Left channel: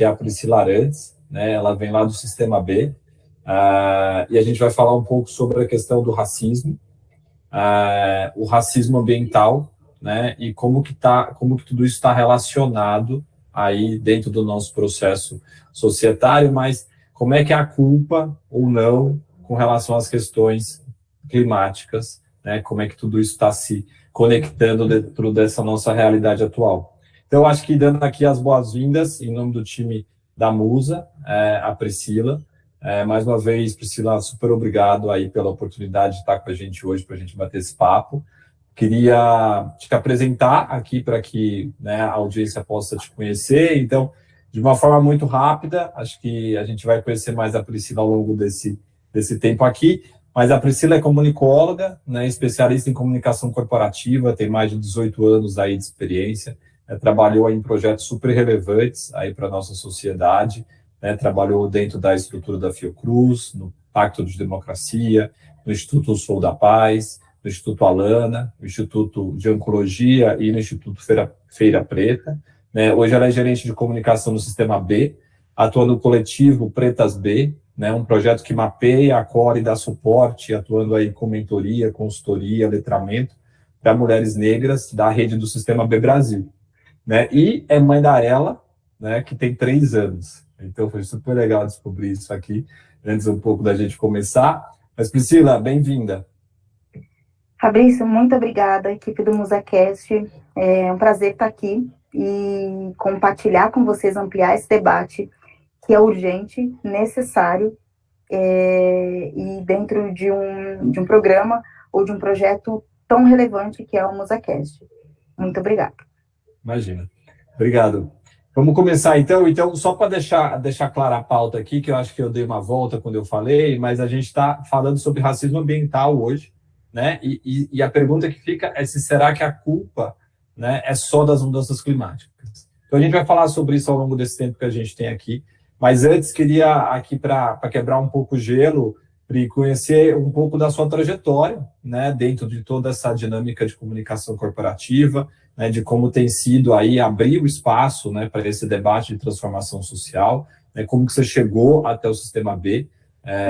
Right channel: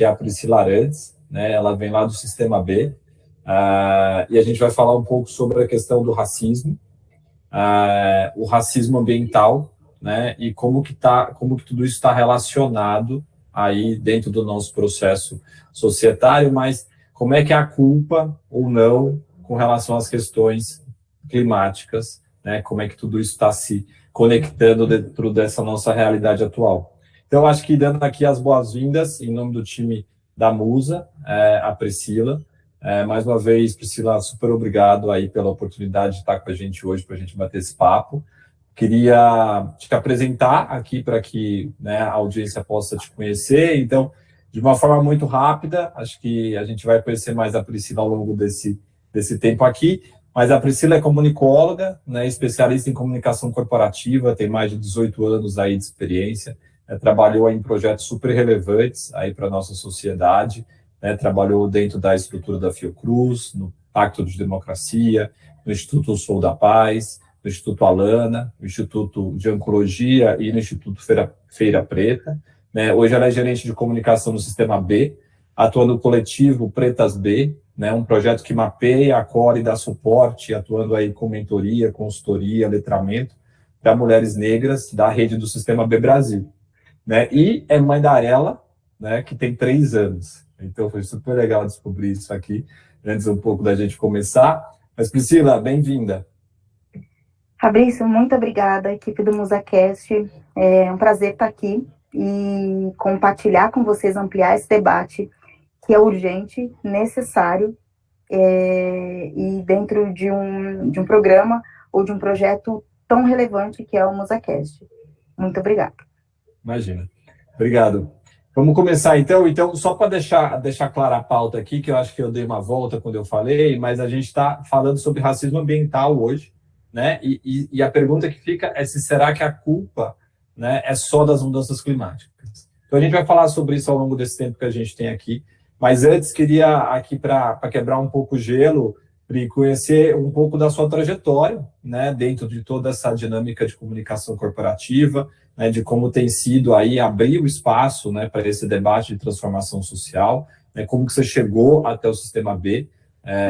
que é a Priscila Arantes, né? Ela vem lá do Sistema B, e a gente vai falar um pouco sobre a questão do racismo, o racismo ambiental, né? E como que tudo isso está relacionado aí dentro do nosso processo societário, mas como é que é a culpa ou não com relação às questões climáticas, né? Como é que tudo isso está se conectando dentro dessa nossa realidade atual. Então, acho que dando aqui as boas-vindas em nome do time da Musa, a Priscila. Mais uma vez, Priscila, super obrigado aí pela oportunidade de estar com a gente hoje, para a gente bater esse papo. Queria te apresentar aqui para que, né, a audiência possa te conhecer. Então, de uma forma muito rápida, acho que a gente vai conhecer mais a Priscila ao longo desse tempo aqui, mas a Priscila é comunicóloga, né, especialista em comunicação corporativa, tem mais de 18 anos aí de experiência, trabalhou em projetos super relevantes aí para a nossa sociedade, né, trabalhou dentro da estrutura da Fiocruz, no Pacto de Democracia, no Instituto Sou da Paz, no Instituto Alana, no Instituto de Oncologia e no Instituto Feira Preta. Né? Hoje ela é gerente de comunicação no Sistema B, atua no coletivo Pretas B, né? Um projeto que mapeia, acolhe e dá suporte, atuando aí com mentoria, consultoria, letramento para mulheres negras da rede do Sistema B Brasil. Né? E é mãe da Arela, né, que tem 3 anos. Então foi super legal descobrir isso aqui, antes um pouco da gente começar. Mas Priscila, bem-vinda. Fabrício, muito obrigada, equipe do MusaCast. É um prazer estar aqui e compartilhar com vocês, ampliar esse debate que é urgente, necessário, e dentro de um programa ou de um projeto tão relevante que é o MusaCast. Muito obrigada. Imagina. Obrigado. Vamos começar então. Então, só para deixar clara a pauta aqui, que eu acho que eu dei uma volta quando eu falei, mas a gente está falando sobre racismo ambiental hoje, né? E a pergunta que fica é se será que a culpa, né, é só das mudanças climáticas. Então, a gente vai falar sobre isso ao longo desse tempo que a gente tem aqui, mas antes queria aqui para quebrar um pouco o gelo, e conhecer um pouco da sua trajetória, né, dentro de toda essa dinâmica de comunicação corporativa, né, de como tem sido aí abrir o espaço, né, para esse debate de transformação social, né, como que você chegou até o Sistema B,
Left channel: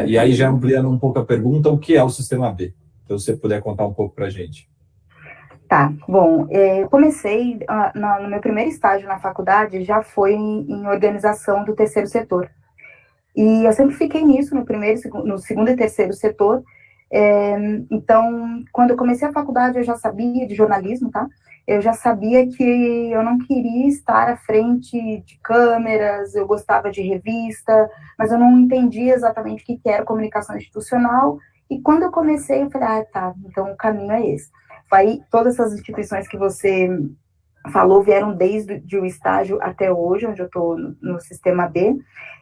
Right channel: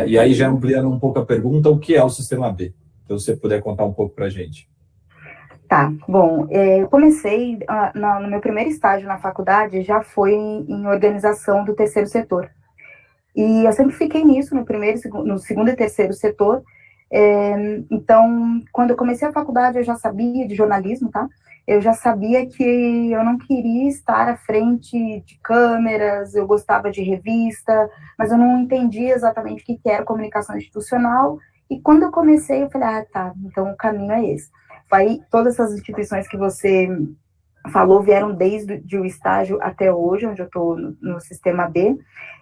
e aí já ampliando um pouco a pergunta, o que é o Sistema B? Então, se você puder contar um pouco para a gente. Tá, bom, eu comecei, no meu primeiro estágio na faculdade, já foi em organização do terceiro setor. E eu sempre fiquei nisso, no segundo e terceiro setor. Então, quando eu comecei a faculdade, eu já sabia de jornalismo, tá? Eu já sabia que eu não queria estar à frente de câmeras, eu gostava de revista, mas eu não entendia exatamente o que era comunicação institucional. E quando eu comecei, eu falei, tá, então o caminho é esse. Aí, todas essas instituições que você falou vieram desde o estágio até hoje, onde eu estou no Sistema B.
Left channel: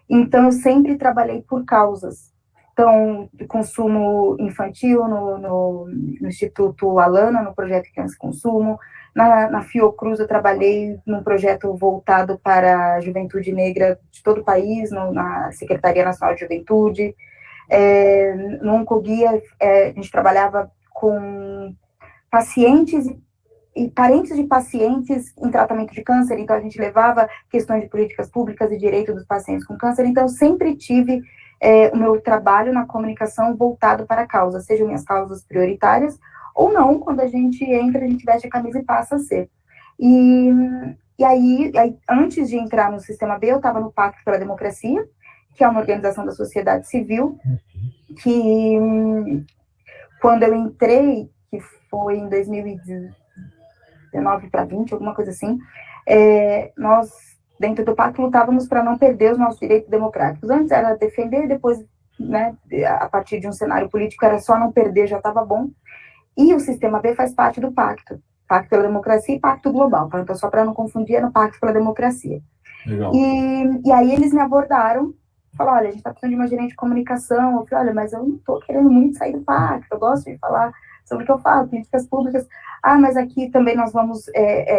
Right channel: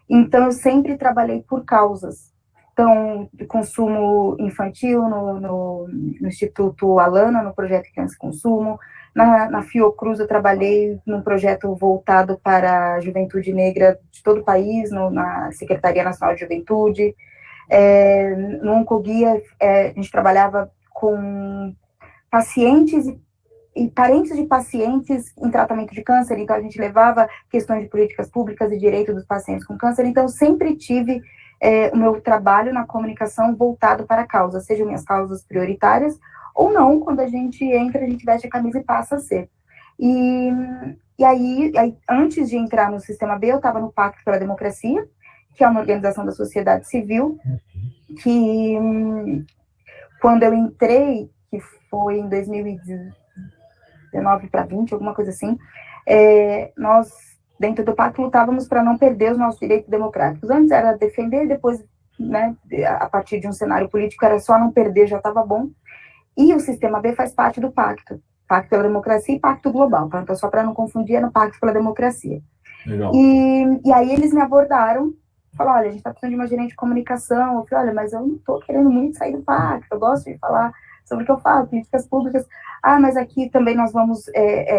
Então, eu sempre trabalhei por causas. Então, consumo infantil no Instituto Alana, no projeto Criança e Consumo. Na Fiocruz, eu trabalhei num projeto voltado para a juventude negra de todo o país, na Secretaria Nacional de Juventude. No Oncoguia, a gente trabalhava com pacientes e parentes de pacientes em tratamento de câncer, então a gente levava questões de políticas públicas e direito dos pacientes com câncer, então eu sempre tive o meu trabalho na comunicação voltado para a causa, sejam minhas causas prioritárias, ou não, quando a gente entra, a gente veste a camisa e passa a ser. E aí, antes de entrar no Sistema B, eu estava no Pacto pela Democracia, que é uma organização da sociedade civil, que quando eu entrei, que foi em 2019 para 20, alguma coisa assim, nós, dentro do pacto, lutávamos para não perder os nossos direitos democráticos. Antes era defender, depois, né, a partir de um cenário político, era só não perder, já estava bom. E o Sistema B faz parte do pacto pela democracia e pacto global, tá? Então, só para não confundir, é no pacto pela democracia. Legal. E aí eles me abordaram, falaram, olha, a gente está precisando de uma gerente de comunicação. Eu falei, olha, mas eu não estou querendo muito sair do pacto, eu gosto de falar sobre o que eu falo, políticas públicas. Mas aqui também nós vamos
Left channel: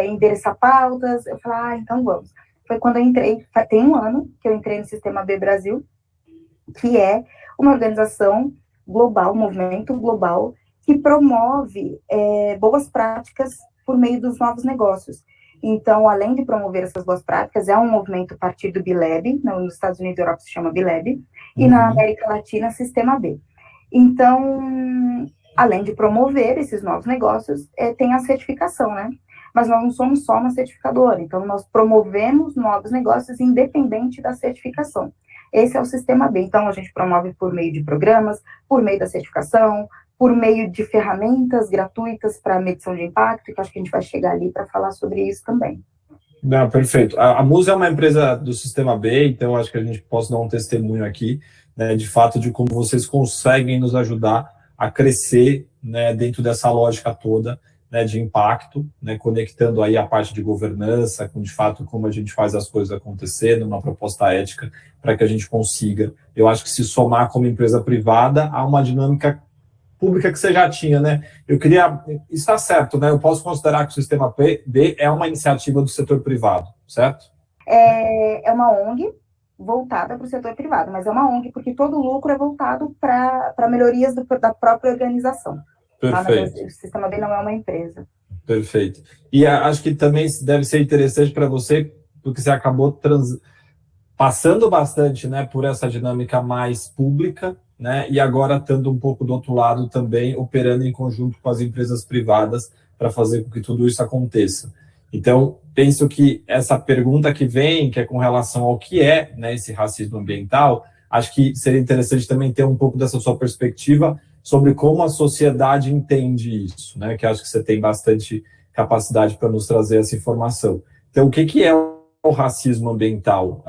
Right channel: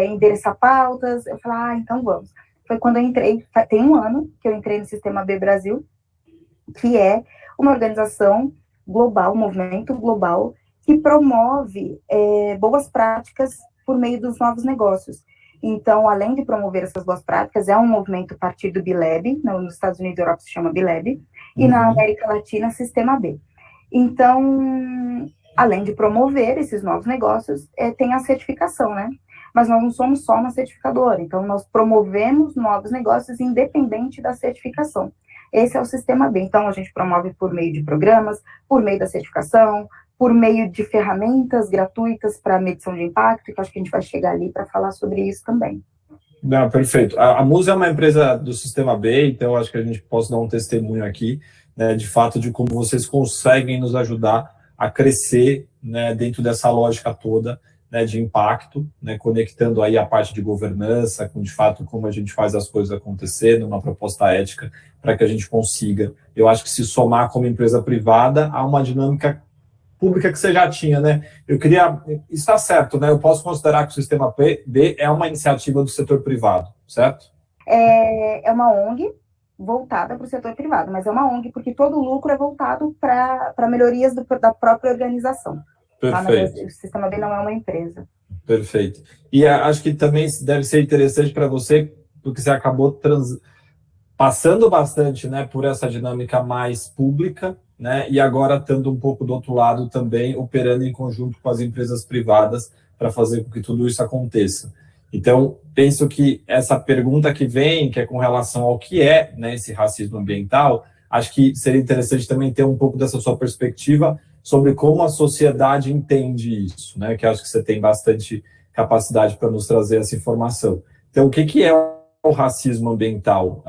endereçar pautas. Eu falei, então vamos. Foi quando eu entrei, tem 1 ano que eu entrei no Sistema B Brasil, que é uma organização global, um movimento global, que promove boas práticas por meio dos novos negócios. Então, além de promover essas boas práticas, é um movimento a partir do BILAB, nos Estados Unidos e Europa se chama BILAB, e na América Latina, Sistema B. Então, além de promover esses novos negócios, tem a certificação, né? Mas nós não somos só uma certificadora, então nós promovemos novos negócios independente da certificação. Esse é o Sistema B. Então, a gente promove por meio de programas, por meio da certificação, por meio de ferramentas gratuitas para medição de impacto, que acho que a gente vai chegar ali para falar sobre isso também. Não, perfeito. A Musa é uma empresa do Sistema B, então acho que a gente pode dar um testemunho aqui, né, de fato, de como vocês conseguem nos ajudar a crescer, né, dentro dessa lógica toda, né, de impacto, né, conectando aí a parte de governança com, de fato, como a gente faz as coisas acontecer numa proposta ética para que a gente consiga, eu acho que se somar como empresa privada a uma dinâmica pública que você já tinha, né? Eu queria, está certo, né? Eu posso considerar que o Sistema B é uma iniciativa do setor privado, certo? É uma ONG voltada para o setor privado, mas é uma ONG porque todo o lucro é voltado para melhorias da própria organização. Perfeito. Tá? Mas o Sistema B não é uma empresa. Perfeito. E acho que também deve ser interessante para você, porque você acabou passando bastante, né, por essa dinâmica mais pública, né, e agora estando um pouco do outro lado também, operando em conjunto com as empresas privadas para fazer com que tudo isso aconteça. Então, penso que essa pergunta que vem, que é com relação ao que é, né, esse racismo ambiental, acho que seria interessante também ter um pouco dessa sua perspectiva sobre como a sociedade entende isso, né, que acho que você tem bastante capacidade para nos trazer essa informação. Então, o que é o racismo ambiental,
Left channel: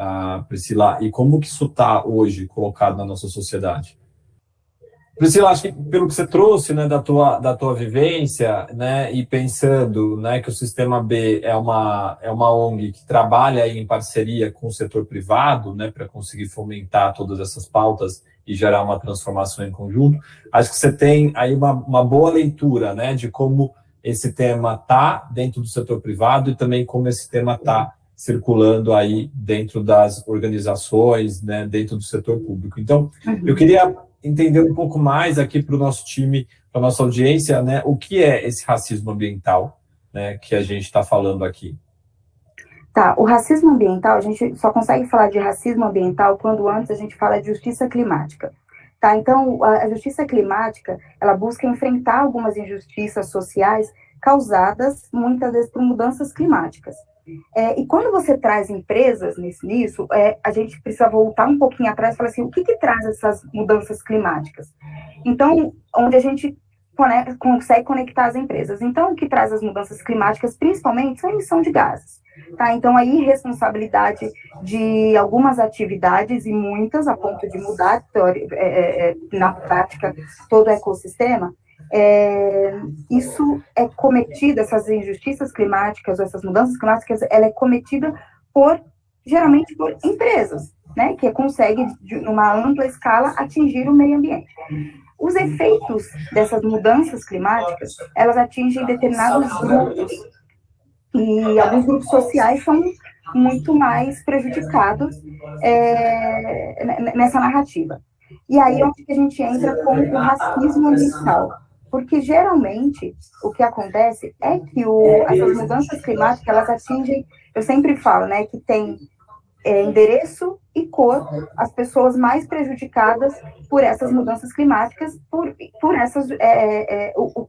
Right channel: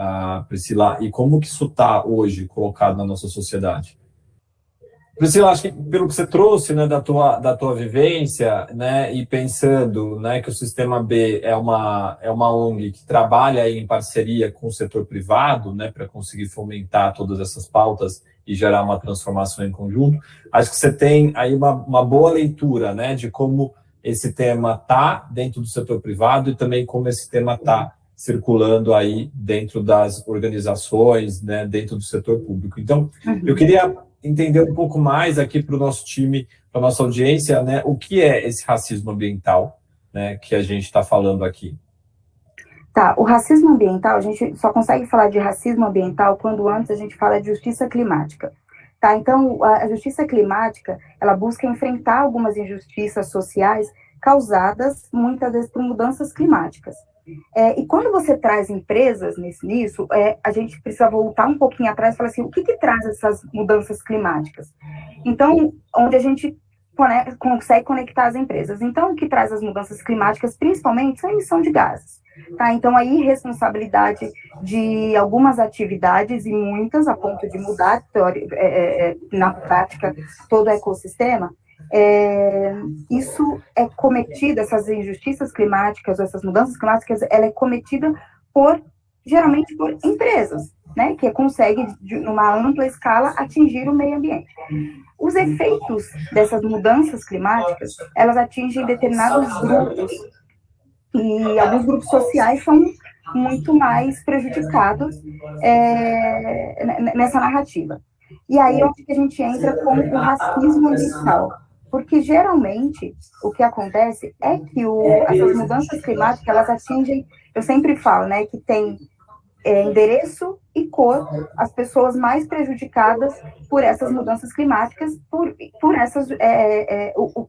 Priscila, e como que isso está hoje colocado na nossa sociedade? Priscila, acho que pelo que você trouxe, né, da tua vivência, né, e pensando, né, que o Sistema B é uma ONG que trabalha aí em parceria com o setor privado, né, para conseguir fomentar todas essas pautas e gerar uma transformação em conjunto, acho que você tem aí uma boa leitura, né, de como esse tema está dentro do setor privado e também como esse tema está circulando aí dentro das organizações, né, dentro do setor público. Então, eu queria entender um pouco mais aqui para o nosso time, para a nossa audiência, né, o que é esse racismo ambiental, né, que a gente está falando aqui. Tá, o racismo ambiental, a gente só consegue falar de racismo ambiental quando antes a gente fala de justiça climática. Tá, então, a justiça climática, ela busca enfrentar algumas injustiças sociais causadas, muitas vezes, por mudanças climáticas. E quando você traz empresas nisso, a gente precisa voltar um pouquinho atrás e falar assim, o que traz essas mudanças climáticas? Então, onde a gente consegue conectar as empresas. Então, o que traz as mudanças climáticas, principalmente, são a emissão de gases. Tá? Então, a irresponsabilidade de algumas atividades, e muitas, a ponto de mudar, na prática, todo o ecossistema, isso é cometido, essas injustiças climáticas, essas mudanças climáticas, ela é cometida geralmente por empresas, né, que conseguem, numa ampla escala, atingir o meio ambiente. Os efeitos dessas mudanças climáticas, elas atingem determinados grupos, e alguns grupos sociais são muito mais prejudicados nessa narrativa. E aí é onde a gente entra com o racismo ambiental. Porque, geralmente, o que acontece é que essas mudanças climáticas, elas atingem, eu sempre falo, né, que tem endereço e cor as pessoas mais prejudicadas por essas mudanças climáticas, por essas,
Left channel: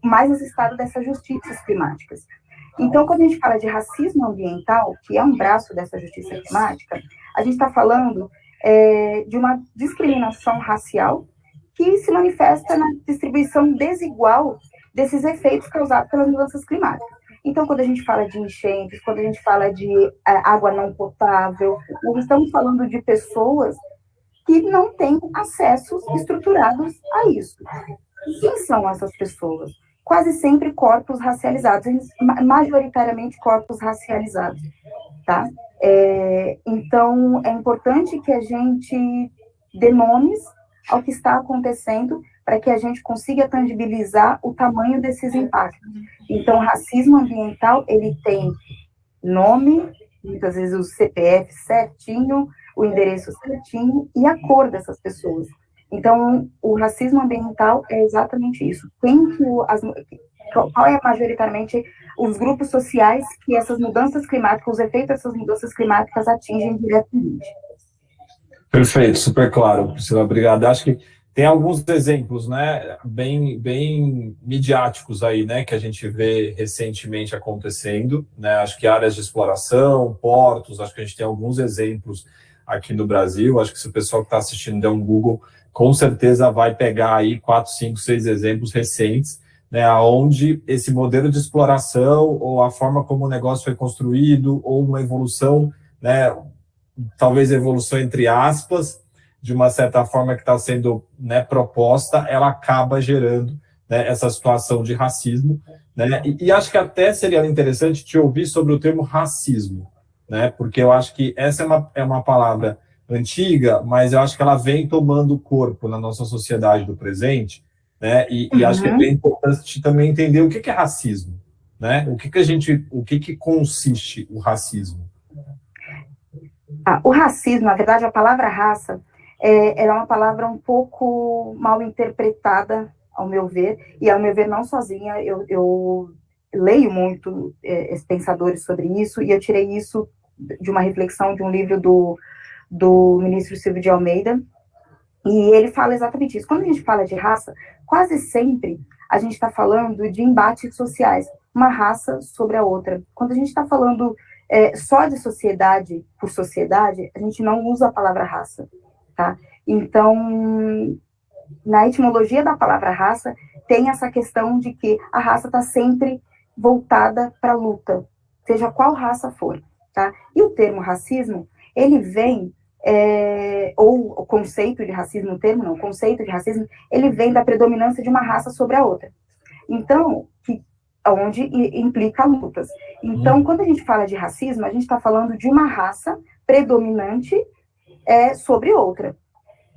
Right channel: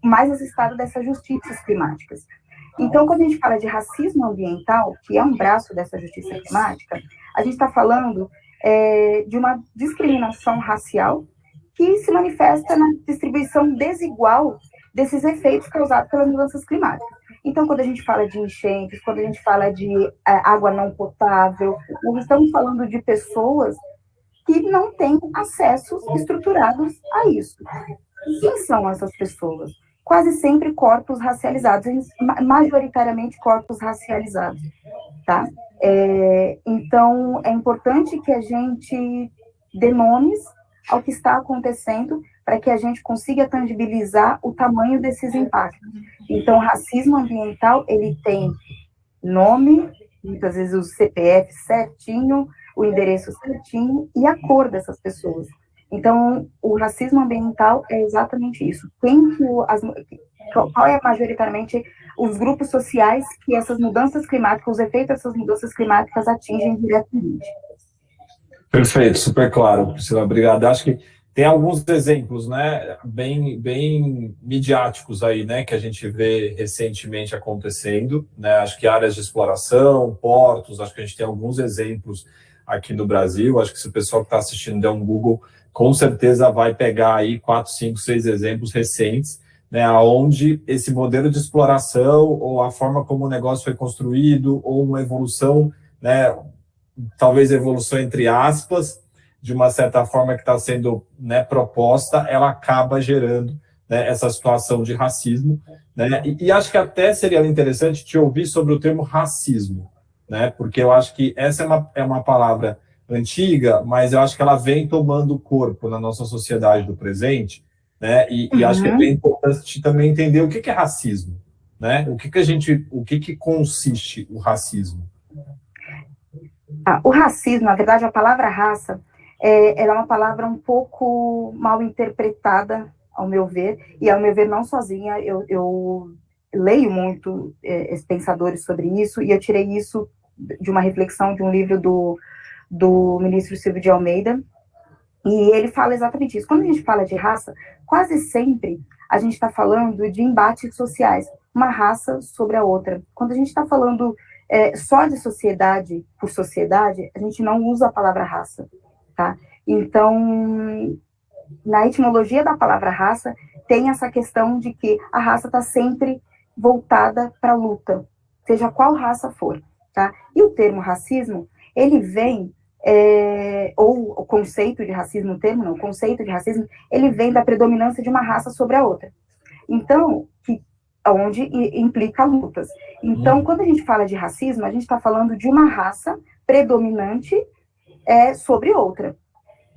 mais esse estado dessas justiças climáticas. Então, quando a gente fala de racismo ambiental, que é um braço dessa justiça climática, a gente está falando de uma discriminação racial que se manifesta na distribuição desigual desses efeitos causados pelas mudanças climáticas. Então, quando a gente fala de enchentes, quando a gente fala de água não potável, nós estamos falando de pessoas que não têm acessos estruturados a isso. Quem são essas pessoas? Quase sempre corpos racializados, majoritariamente corpos racializados, tá? Então, é importante que a gente dê nomes ao que está acontecendo para que a gente consiga tangibilizar o tamanho desses impactos. Então, o racismo ambiental, ele tem nome, muitas vezes o CPF certinho, o endereço certinho e a cor dessas pessoas. Então, o racismo ambiental é exatamente isso. qual é majoritariamente os grupos sociais que essas mudanças climáticas, os efeitos dessas mudanças climáticas atingem diretamente. Perfeito, super claro, Priscila, obrigado. Acho que tem alguns exemplos, né, bem midiáticos aí, né, que a gente vê recentemente acontecendo, né, acho que áreas de exploração, portos, acho que a gente tem alguns exemplos aqui no Brasil, acho que se o pessoal que está assistindo der um Google, com certeza vai pegar aí 4, 5, 6 exemplos recentes, né, onde esse modelo de exploração ou a forma como o negócio foi construído ou uma evolução, né, talvez evolução entre aspas, de uma certa forma que está sendo, né, proposta, ela acaba gerando, né, essa situação de racismo, né, e acho que até seria interessante te ouvir sobre o termo racismo, né, porque eu acho que essa é uma palavra antiga, mas eu acho que ela vem tomando corpo na nossa sociedade do presente, né, e acho que é bem importante também entender o que é racismo, né, o que consiste o racismo. O racismo, na verdade, a palavra raça, ela é uma palavra um pouco mal interpretada, ao meu ver, e ao meu ver não sozinha, eu leio muito pensadores sobre isso, e eu tirei isso de uma reflexão de um livro do ministro Silvio de Almeida, e ele fala exatamente isso. Quando a gente fala de raça, quase sempre a gente está falando de embates sociais, uma raça sobre a outra. Quando a gente está falando só de sociedade por sociedade, a gente não usa a palavra raça, tá? Então, na etimologia da palavra raça, tem essa questão de que a raça está sempre voltada para a luta, seja qual raça for, tá? E o termo racismo, ele vem, ou o conceito de racismo, o termo não, o conceito de racismo, ele vem da predominância de uma raça sobre a outra. Então, onde implica lutas. Então, quando a gente fala de racismo, a gente está falando de uma raça predominante sobre outra.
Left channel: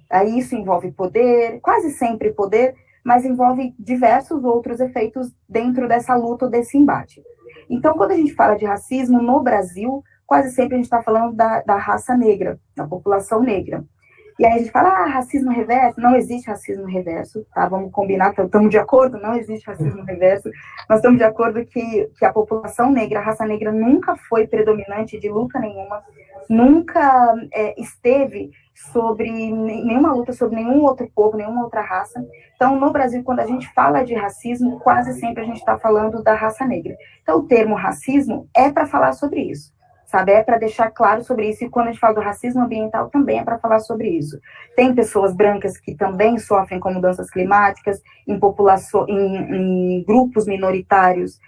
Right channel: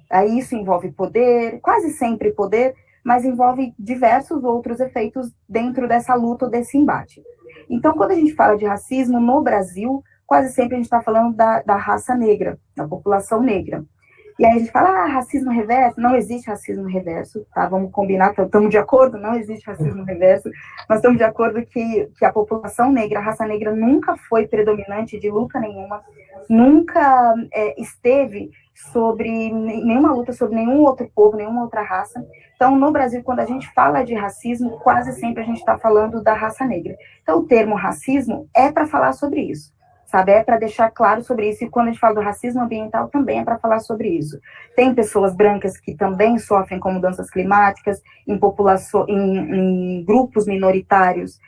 Aí isso envolve poder, quase sempre poder, mas envolve diversos outros efeitos dentro dessa luta, desse embate. Então, quando a gente fala de racismo no Brasil, quase sempre a gente está falando da raça negra, da população negra. E aí a gente fala, racismo reverso, não existe racismo reverso, tá? Vamos combinar, estamos de acordo, não existe racismo reverso, nós estamos de acordo que a população negra, a raça negra nunca foi predominante de luta nenhuma, nunca esteve sobre nenhuma luta sobre nenhum outro povo, nenhuma outra raça. Então, no Brasil, quando a gente fala de racismo, quase sempre a gente está falando da raça negra. Então, o termo racismo é para falar sobre isso, sabe? É para deixar claro sobre isso. E quando a gente fala do racismo ambiental, também é para falar sobre isso. Tem pessoas brancas que também sofrem com mudanças climáticas, em grupos minoritários,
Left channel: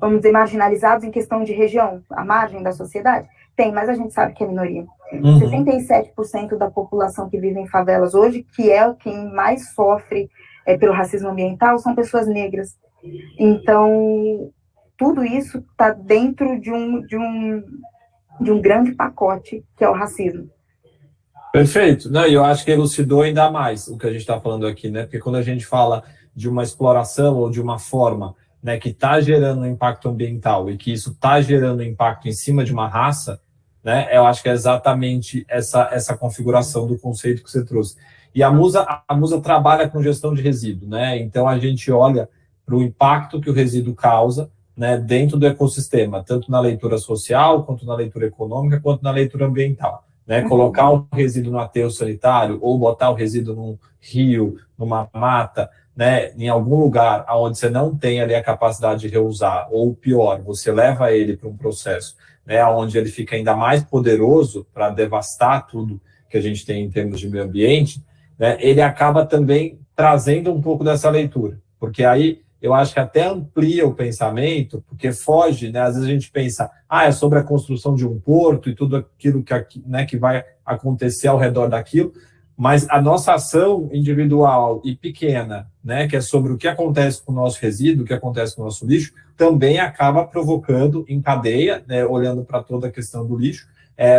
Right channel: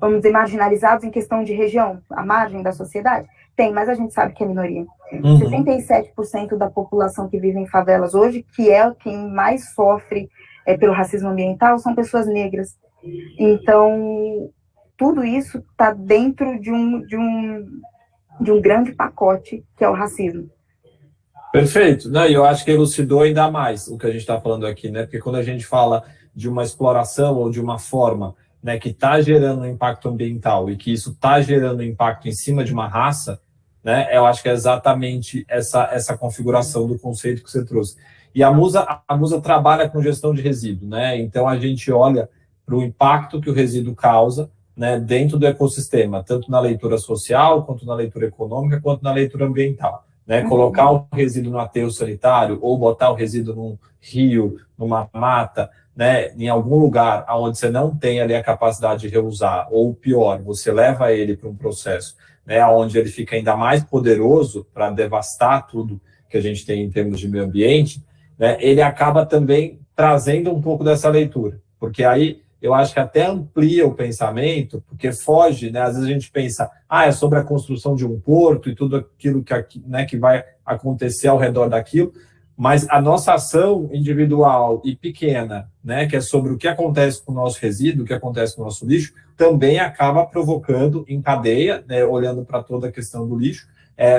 vamos dizer, marginalizados em questão de região, à margem da sociedade. Tem, mas a gente sabe que é minoria. 67% da população que vive em favelas hoje, que é quem mais sofre pelo racismo ambiental, são pessoas negras. Então, tudo isso está dentro de um grande pacote, que é o racismo. Perfeito. Não, e eu acho que elucidou ainda mais o que a gente está falando aqui, né? Porque quando a gente fala de uma exploração ou de uma forma, né, que está gerando um impacto ambiental e que isso está gerando impacto em cima de uma raça, né, eu acho que é exatamente essa configuração do conceito que você trouxe. E a Musa trabalha com gestão de resíduo, né? Então a gente olha para o impacto que o resíduo causa, né, dentro do ecossistema, tanto na leitura social, quanto na leitura econômica, quanto na leitura ambiental. Né? Colocar o resíduo no aterro sanitário ou botar o resíduo num rio, numa mata, né, em algum lugar onde você não tem ali a capacidade de reusar, ou pior, você leva ele para um processo, né, onde ele fica ainda mais poderoso para devastar tudo que a gente tem em termos de meio ambiente, né, ele acaba também trazendo um pouco dessa leitura, porque aí eu acho que até amplia o pensamento, porque foge, né, às vezes a gente pensa, é sobre a construção de um porto e tudo aquilo que vai acontecer ao redor daquilo, mas a nossa ação individual e pequena, né, que é sobre o que acontece com o nosso resíduo, o que acontece com o nosso lixo, também acaba provocando em cadeia, né, olhando para toda a questão do lixo,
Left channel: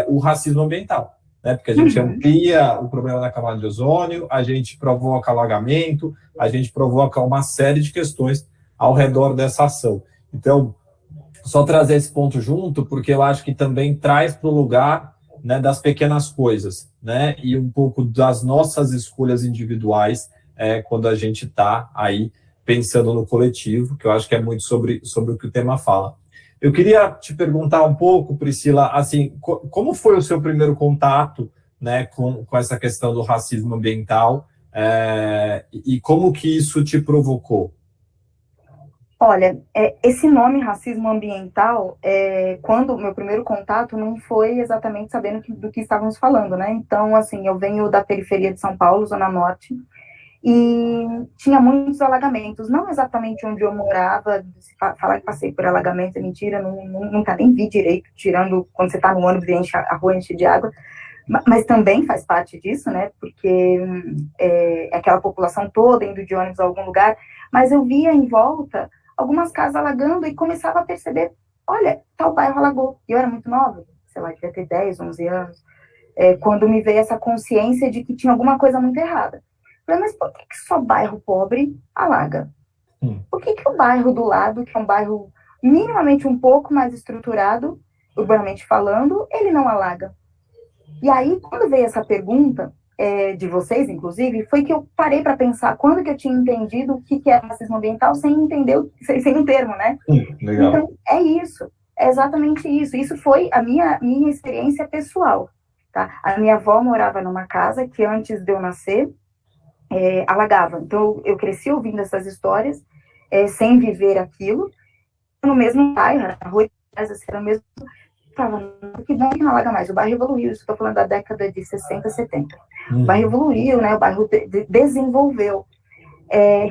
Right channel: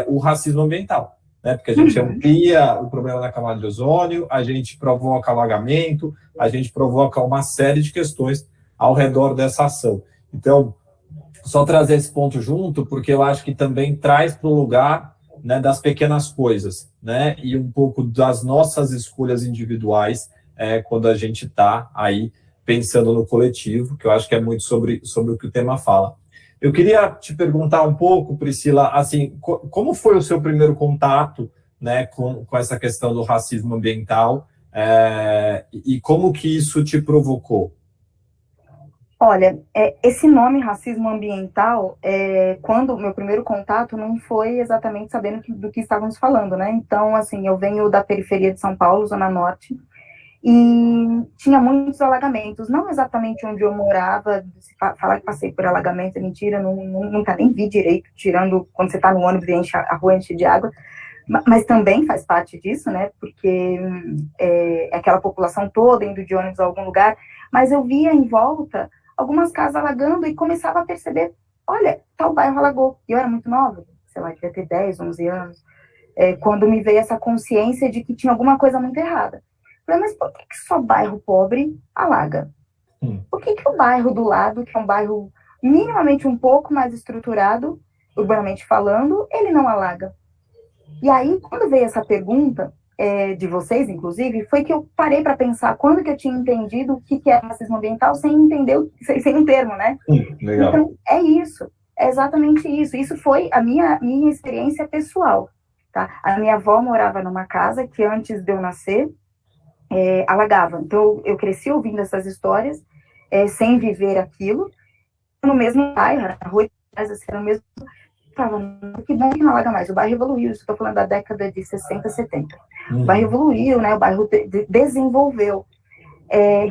o racismo ambiental, né, porque a gente amplia o problema da camada de ozônio, a gente provoca alagamento, a gente provoca uma série de questões ao redor dessa ação. Então, só trazer esse ponto junto, porque eu acho que também traz para o lugar, né, das pequenas coisas, né, e um pouco das nossas escolhas individuais quando a gente está aí pensando no coletivo, que eu acho que é muito sobre o que o tema fala. Eu queria te perguntar um pouco, Priscila, assim, como foi o seu primeiro contato, né, com essa questão do racismo ambiental, e como que isso te provocou? Olha, esse nome racismo ambiental, quando o meu primeiro contato não foi exatamente sabendo do que estávamos falando, né? Então, assim, eu venho da periferia de São Paulo, Zona Norte, e tinha muitos alagamentos, não exatamente onde eu morava, falar que passei por alagamento é mentira, nunca nem vi direito, tirando quando você está no ônibus e enche a rua enche de água, mas também faz parte disso, né, porque é aquela população toda indo de ônibus a algum lugar, mas eu via em volta algumas casas alagando e começava a perceber, olha, tal bairro alagou, e eu era muito nova, sei lá, devia ter 10, 11 anos, quando me veio essa consciência de que tinha alguma coisa muito errada. Falei, mas por que só bairro pobre alaga? Por que o bairro do lado, que é um bairro minimamente um pouco mais estruturado, urbanamente falando, ele não alaga? E aí, quando veio essa pergunta, de vocês, inclusive, foi que eu parei para pensar quando que eu tinha entendido o que era racismo ambiental sem entender, sem um termo, né? Legal. Então, é isso. É exatamente isso. Isso foi a minha experiência pessoal. Tá? A minha avó morava numa casa que antes de eu nascer, alagava. Então, eu cresci ouvindo essas histórias, sem viver aquilo, no mesmo bairro, na rua de casa, era o mesmo. Falava, que bom que não alaga mais. O bairro evoluiu, estou falando da década de 60, 70. O bairro evoluiu, né? O bairro desenvolveu.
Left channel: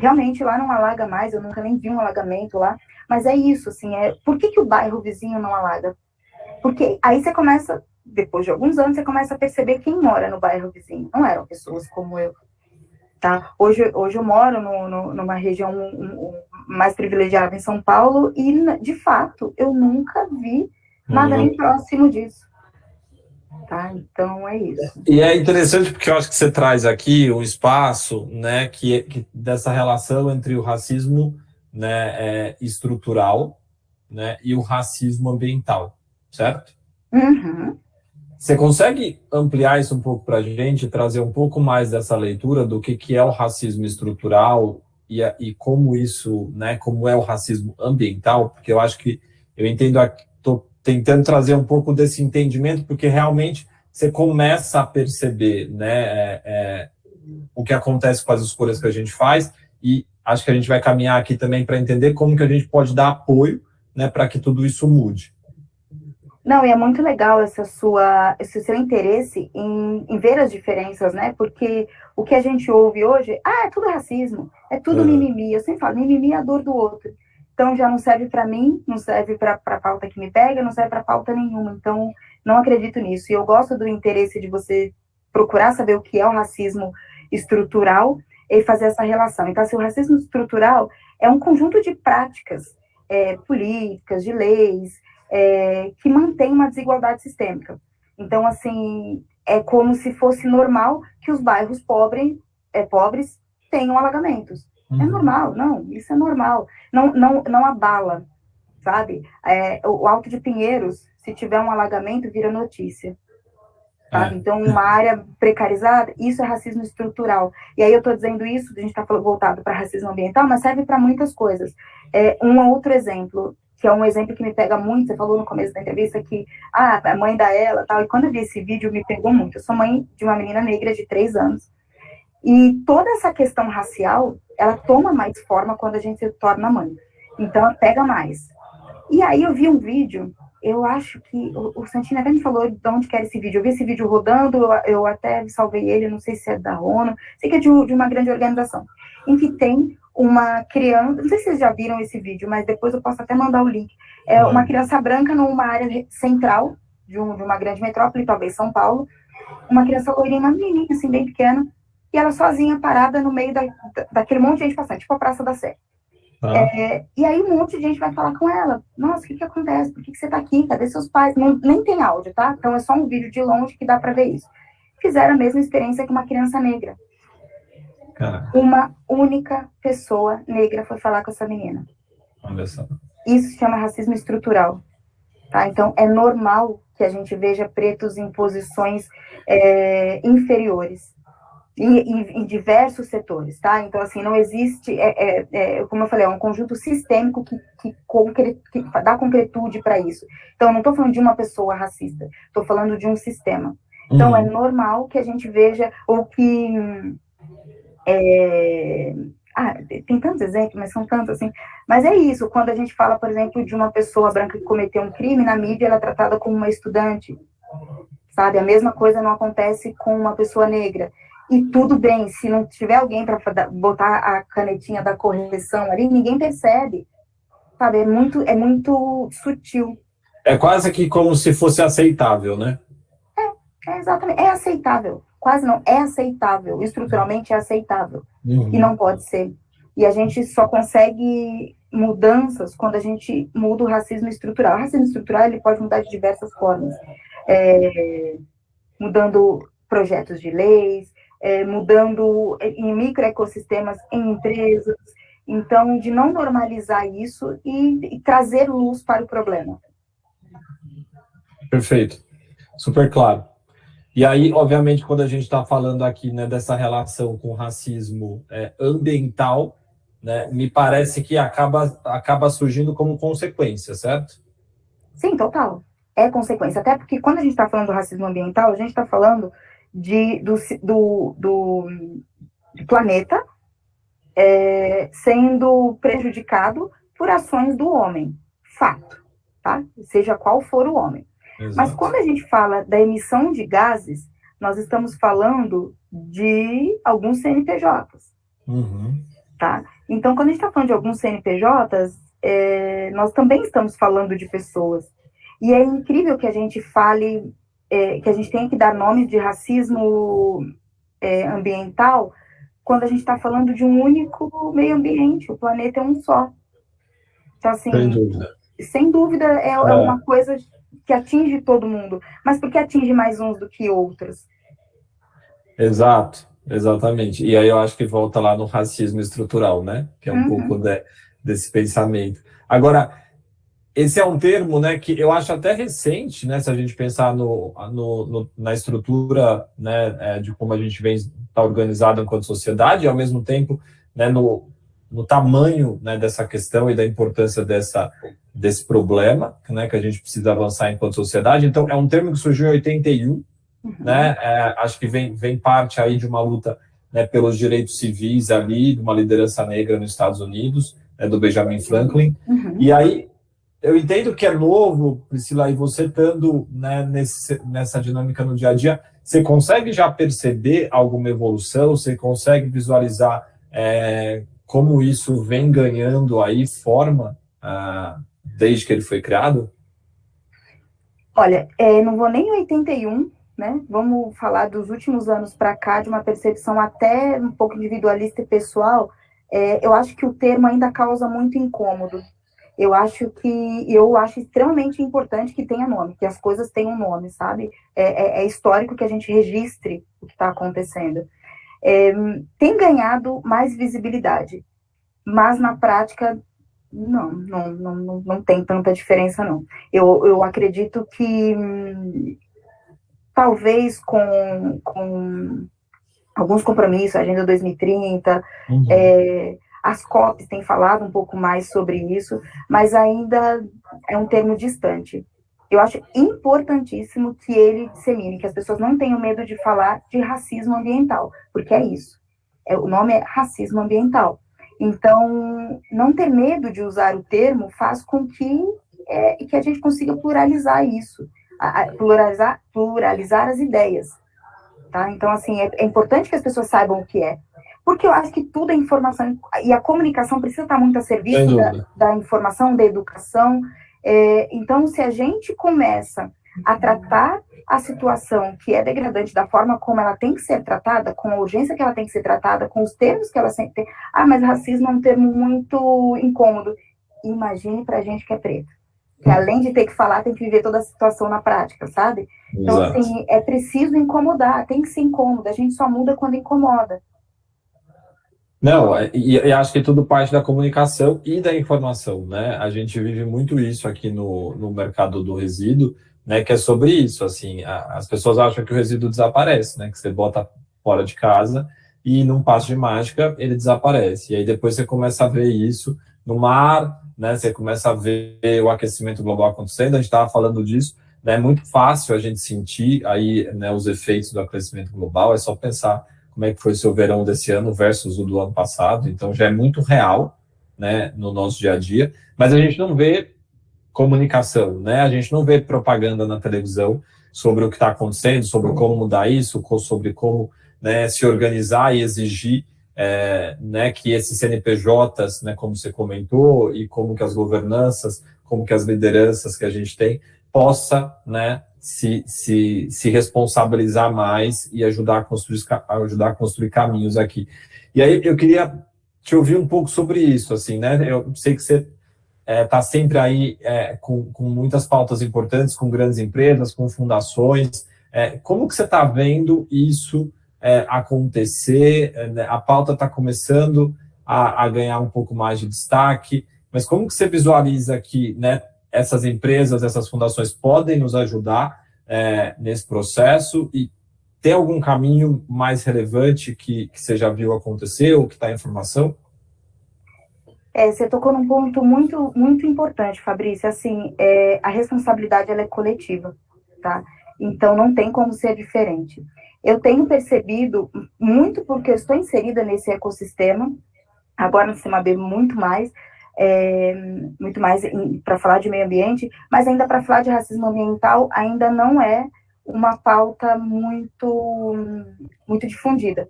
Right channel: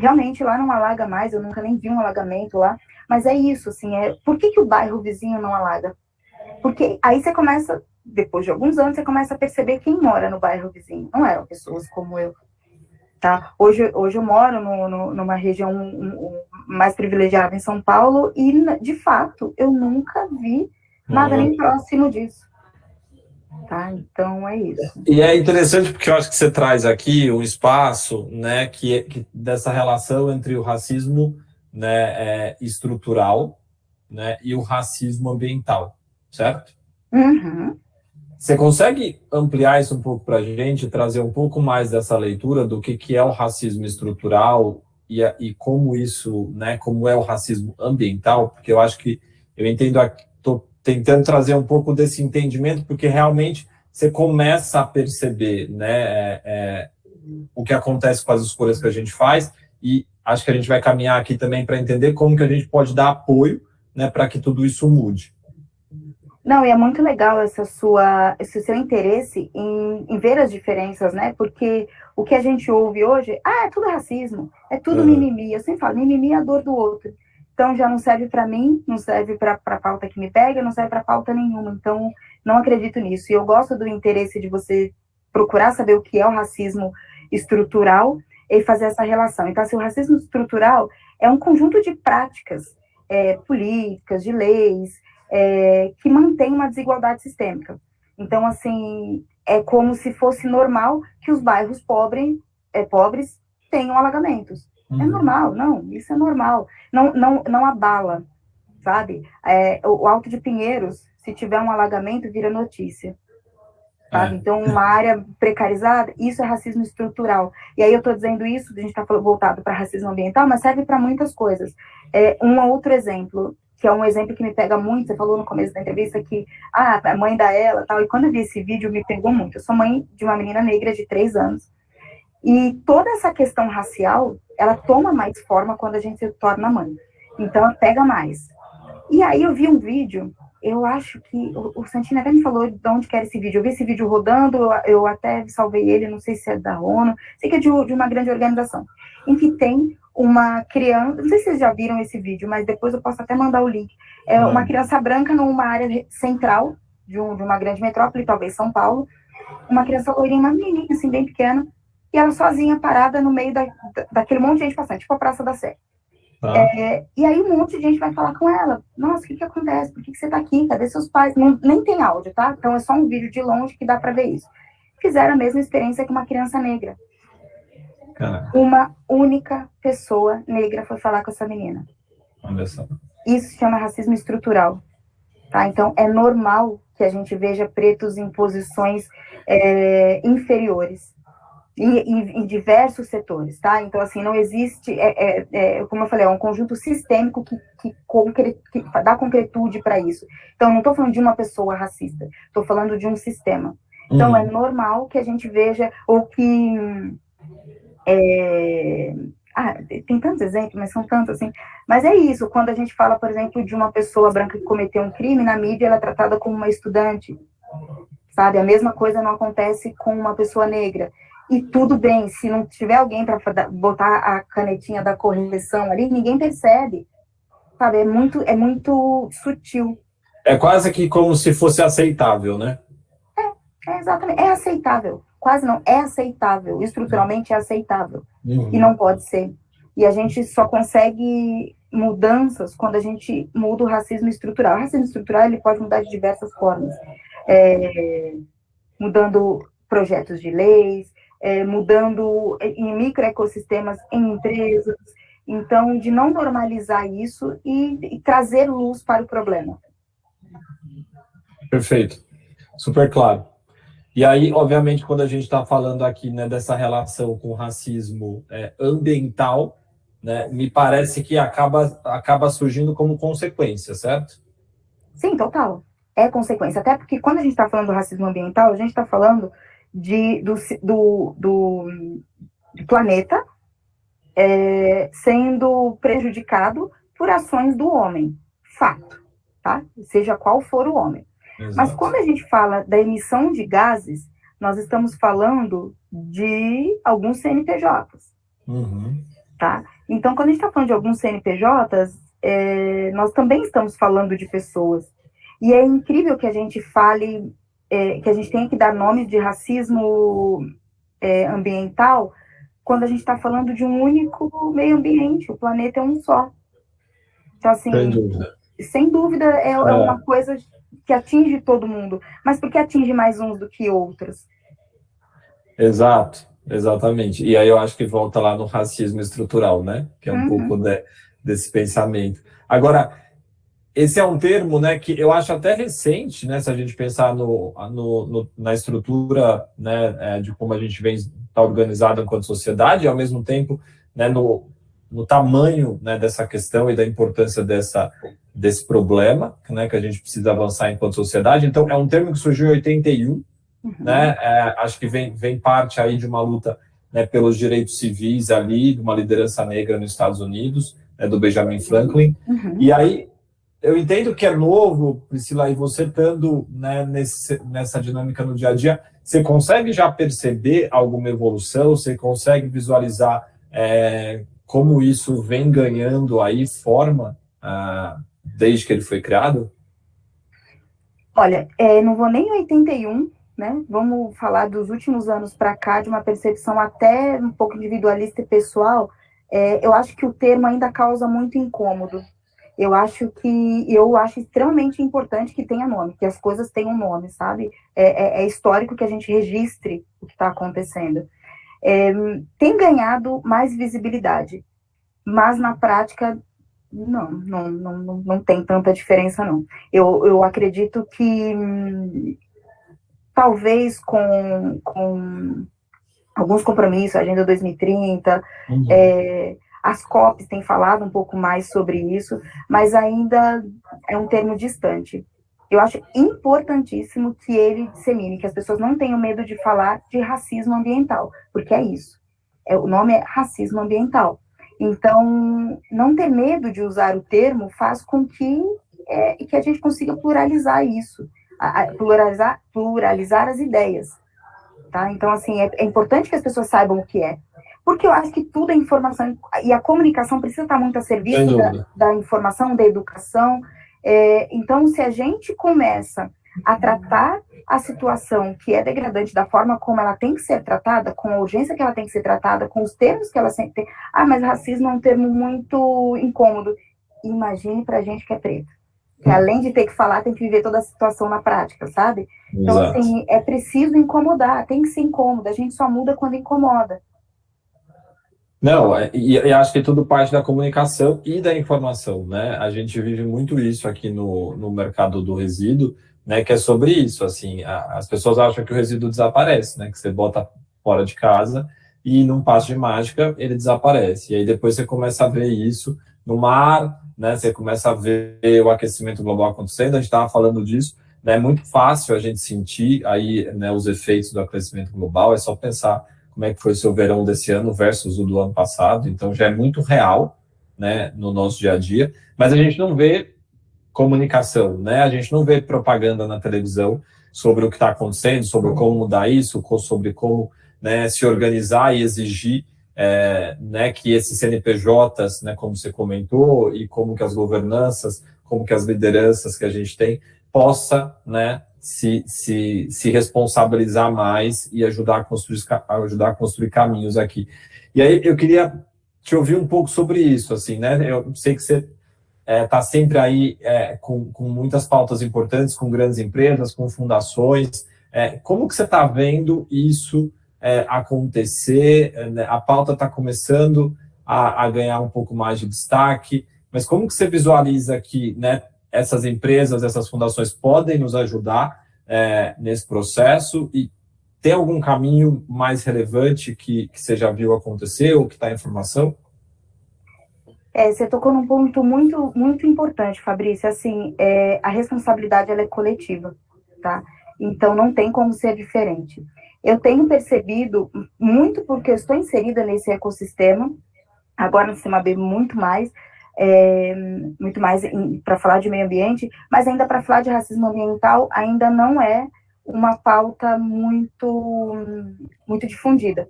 Realmente lá não alaga mais, eu nunca nem vi um alagamento lá, mas é isso, assim, por que o bairro vizinho não alaga? Porque aí você começa, depois de alguns anos, você começa a perceber quem mora no bairro vizinho. Não eram pessoas como eu, tá? Hoje eu moro numa região mais privilegiada em São Paulo e, de fato, eu nunca vi nada nem próximo disso. Tá? Então, é isso. E é interessante porque eu acho que você traz aqui um espaço, né, que dessa relação entre o racismo, né, estrutural, né, e o racismo ambiental, certo? Uhum. Você consegue ampliar isso um pouco para a gente, trazer um pouco mais dessa leitura do que é o racismo estrutural e como isso, né, como é o racismo ambiental? Porque eu acho que eu entendo, estou tentando trazer um pouco desse entendimento, porque realmente você começa a perceber, né, o que acontece com as escolhas que a gente faz, e acho que a gente vai caminhar aqui também para entender como que a gente pode dar apoio, né, para que tudo isso mude. Não, e é muito legal esse seu interesse em ver as diferenças, né? Porque o que a gente ouve hoje, é tudo racismo, é tudo mimimi. Eu sempre falo, mimimi é a dor do outro. Então já não serve para mim, não serve para a pauta que me pega, não serve para pauta nenhuma. Então não acredito nisso. E eu gosto do interesse de você procurar saber o que é o racismo estrutural e fazer essa relação. Então, assim, o racismo estrutural é um conjunto de práticas políticas, de leis, que mantém uma desigualdade sistêmica. Então, assim, é como se fosse normal que os bairros pobres tenham alagamentos. É normal, não, isso é normal. Não abala, sabe? O Alto de Pinheiros, se tiver um alagamento, vira notícia. Sabe? Então, uma área precarizada, isso é racismo estrutural. E aí eu estou dizendo isso, a gente está voltado para racismo ambiental, mas serve para muitas coisas. Um outro exemplo, que é um exemplo que me pega muito, você falou no começo da entrevista que, a mãe da ela, tal, e quando eu vi esse vídeo me pegou muito. Eu sou mãe de uma menina negra de 3 anos, e toda essa questão racial, ela toma mais forma quando a gente se torna mãe. Então, ela pega mais. E aí eu vi um vídeo, eu acho que o Santini até me falou de onde que era esse vídeo. Eu vi esse vídeo rodando, eu até salvei ele, não sei se é da ONU, sei que é de uma grande organização, em que tem uma criança, não sei se vocês já viram esse vídeo, mas depois eu posso até mandar o link. É uma criança branca numa área central de uma grande metrópole, talvez São Paulo, uma criança loirinha, uma menininha assim, bem pequena, e ela sozinha parada no meio daquele monte de gente passando, tipo a Praça da Sé. E aí um monte de gente vai falar com ela. Nossa, o que acontece? Por que você tá aqui? Cadê seus pais? Nem tem áudio, tá? Então é só um vídeo de longe que dá para ver isso. Fizeram a mesma experiência com uma criança negra. Uma única pessoa negra foi falar com essa menina. Olha só. Isso se chama racismo estrutural. Tá? Então é normal que a gente veja pretos em posições inferiores. em diversos setores, tá? Então, assim, não existe, como eu falei, é um conjunto sistêmico que dá concretude para isso. Então, eu não estou falando de uma pessoa racista, estou falando de um sistema. Então, é normal que a gente veja, ou que... tem tantos exemplos, mas são tantos, assim. Mas é isso, quando a gente fala, por exemplo, de uma pessoa branca que cometeu um crime, na mídia ela é tratada como uma estudante, sabe? A mesma coisa não acontece com uma pessoa negra. E tudo bem, se não tiver alguém para botar a canetinha da correção ali, ninguém percebe, sabe? É muito sutil. É quase que como se fosse aceitável, né? Exatamente, é aceitável. Quase não, é aceitável. Estruturalmente é aceitável. E não pode ser. E a gente só consegue mudanças quando a gente muda o racismo estrutural. O racismo estrutural ele pode mudar de diversas formas. Mudando projetos de leis, mudando em microecossistemas, em empresas. Então, de não normalizar isso e trazer luz para o problema. Perfeito. Super claro. E aí, obviamente, quando a gente está falando aqui, né, dessa relação com o racismo ambiental, né, me parece que acaba surgindo como consequência, certo? Sim, total. É consequência. Até porque quando a gente está falando do racismo ambiental, a gente está falando do planeta sendo prejudicado por ações do homem. Fato, tá? Seja qual for o homem. Exato. Mas quando a gente fala da emissão de gases, nós estamos falando de alguns CNPJs. Tá? Então, quando a gente está falando de alguns CNPJs, nós também estamos falando de pessoas. E é incrível que a gente fale, que a gente tenha que dar nome de racismo ambiental, quando a gente está falando de um único meio ambiente, o planeta é um só. Então, assim, sem dúvida é uma coisa que atinge todo mundo, mas por que atinge mais uns do que outros? Exato, exatamente. E aí eu acho que volta lá no racismo estrutural, né? Que é um pouco desse pensamento. Agora, esse é um termo, né, que eu acho até recente, né, se a gente pensar na estrutura, né, de como a gente vem estar organizado enquanto sociedade, e ao mesmo tempo, né, no tamanho, né, dessa questão e da importância desse problema, né, que a gente precisa avançar enquanto sociedade. Então, é um termo que surgiu em 81, né, acho que vem parte aí de uma luta, né, pelos direitos civis ali, de uma liderança negra nos Estados Unidos, né, do Benjamin Franklin. E aí, eu entendo que é novo, Priscila, e você estando, né, nessa dinâmica no dia a dia, você consegue já perceber alguma evolução? Você consegue visualizar como isso vem ganhando aí forma desde que ele foi criado? Olha, não vou nem em 81, né? Vamos falar dos últimos anos para cá, de uma percepção até um pouco individualista e pessoal. Eu acho que o termo ainda causa muito incômodo. Eu acho extremamente importante que tenha nome, que as coisas tenham nome, sabe? É histórico que a gente registre o que está acontecendo. Tem ganhado mais visibilidade, mas na prática não tem tanta diferença, não. Eu acredito que talvez com alguns compromissos, Agenda 2030, as COPs têm falado um pouco mais sobre isso, mas ainda é um termo distante. Eu acho importantíssimo que ele dissemine, que as pessoas não tenham medo de falar de racismo ambiental, porque é isso. O nome é racismo ambiental. Então, não ter medo de usar o termo faz com que a gente consiga pluralizar isso, pluralizar as ideias. Tá? Então, assim, é importante que as pessoas saibam o que é. Porque eu acho que tudo é informação, e a comunicação precisa estar muito a serviço da informação, da educação. Então, se a gente começa a tratar a situação que é degradante da forma como ela tem que ser tratada, com a urgência que ela tem que ser tratada, com os termos que ela sempre tem. Mas racismo é um termo muito incômodo. Imagine pra gente que é preto. Que além de ter que falar, tem que viver toda a situação na prática, sabe? Então, assim, é preciso incomodar, tem que ser incômodo, a gente só muda quando incomoda. Não, e acho que tudo parte da comunicação e da informação, né? A gente vive muito isso aqui no mercado do resíduo, né? Que é sobre isso, assim, as pessoas acham que o resíduo desaparece, né? Que você bota fora de casa, e num passo de mágica ele desaparece. E aí depois você começa a ver isso no mar, né? Você começa a ver o aquecimento global acontecendo, a gente estava falando disso, né? É muito fácil a gente sentir aí, né, os efeitos do aquecimento global, é só pensar como é que foi o seu verão desse ano versus o do ano passado, então já é muito real, né, no nosso dia a dia, mas a gente não vê comunicação, né? A gente não vê propaganda na televisão sobre o que está acontecendo, sobre como mudar isso, sobre como, né, se organizar e exigir, né, que esses CNPJs, né, como você comentou, e como que as governanças, como que as lideranças que a gente tem, possa, né, se responsabilizar mais e ajudar a construir caminhos aqui. E aí eu queria te ouvir um pouco sobre isso, assim, né? Eu sei que você está sempre aí com muitas pautas importantes, com grandes empresas, com fundações. Como que você está vendo isso acontecer? Né? A pauta está começando a ganhar um pouco mais de destaque, mas como que você visualiza que, né, essas empresas, essas fundações podem nos ajudar nesse processo, e tem algum caminho mais relevante que você já viu acontecer ou que está em formação? Você tocou num ponto muito, muito importante, Fabrício. Assim, a responsabilidade ela é coletiva, tá? Então não tem como ser diferente. Eu tenho percebido, muito porque eu estou inserida nesse ecossistema, agora no Sistema B muito mais para falar de meio ambiente, mas ainda para falar de racismo ambiental ainda não é uma pauta muito, muito difundida.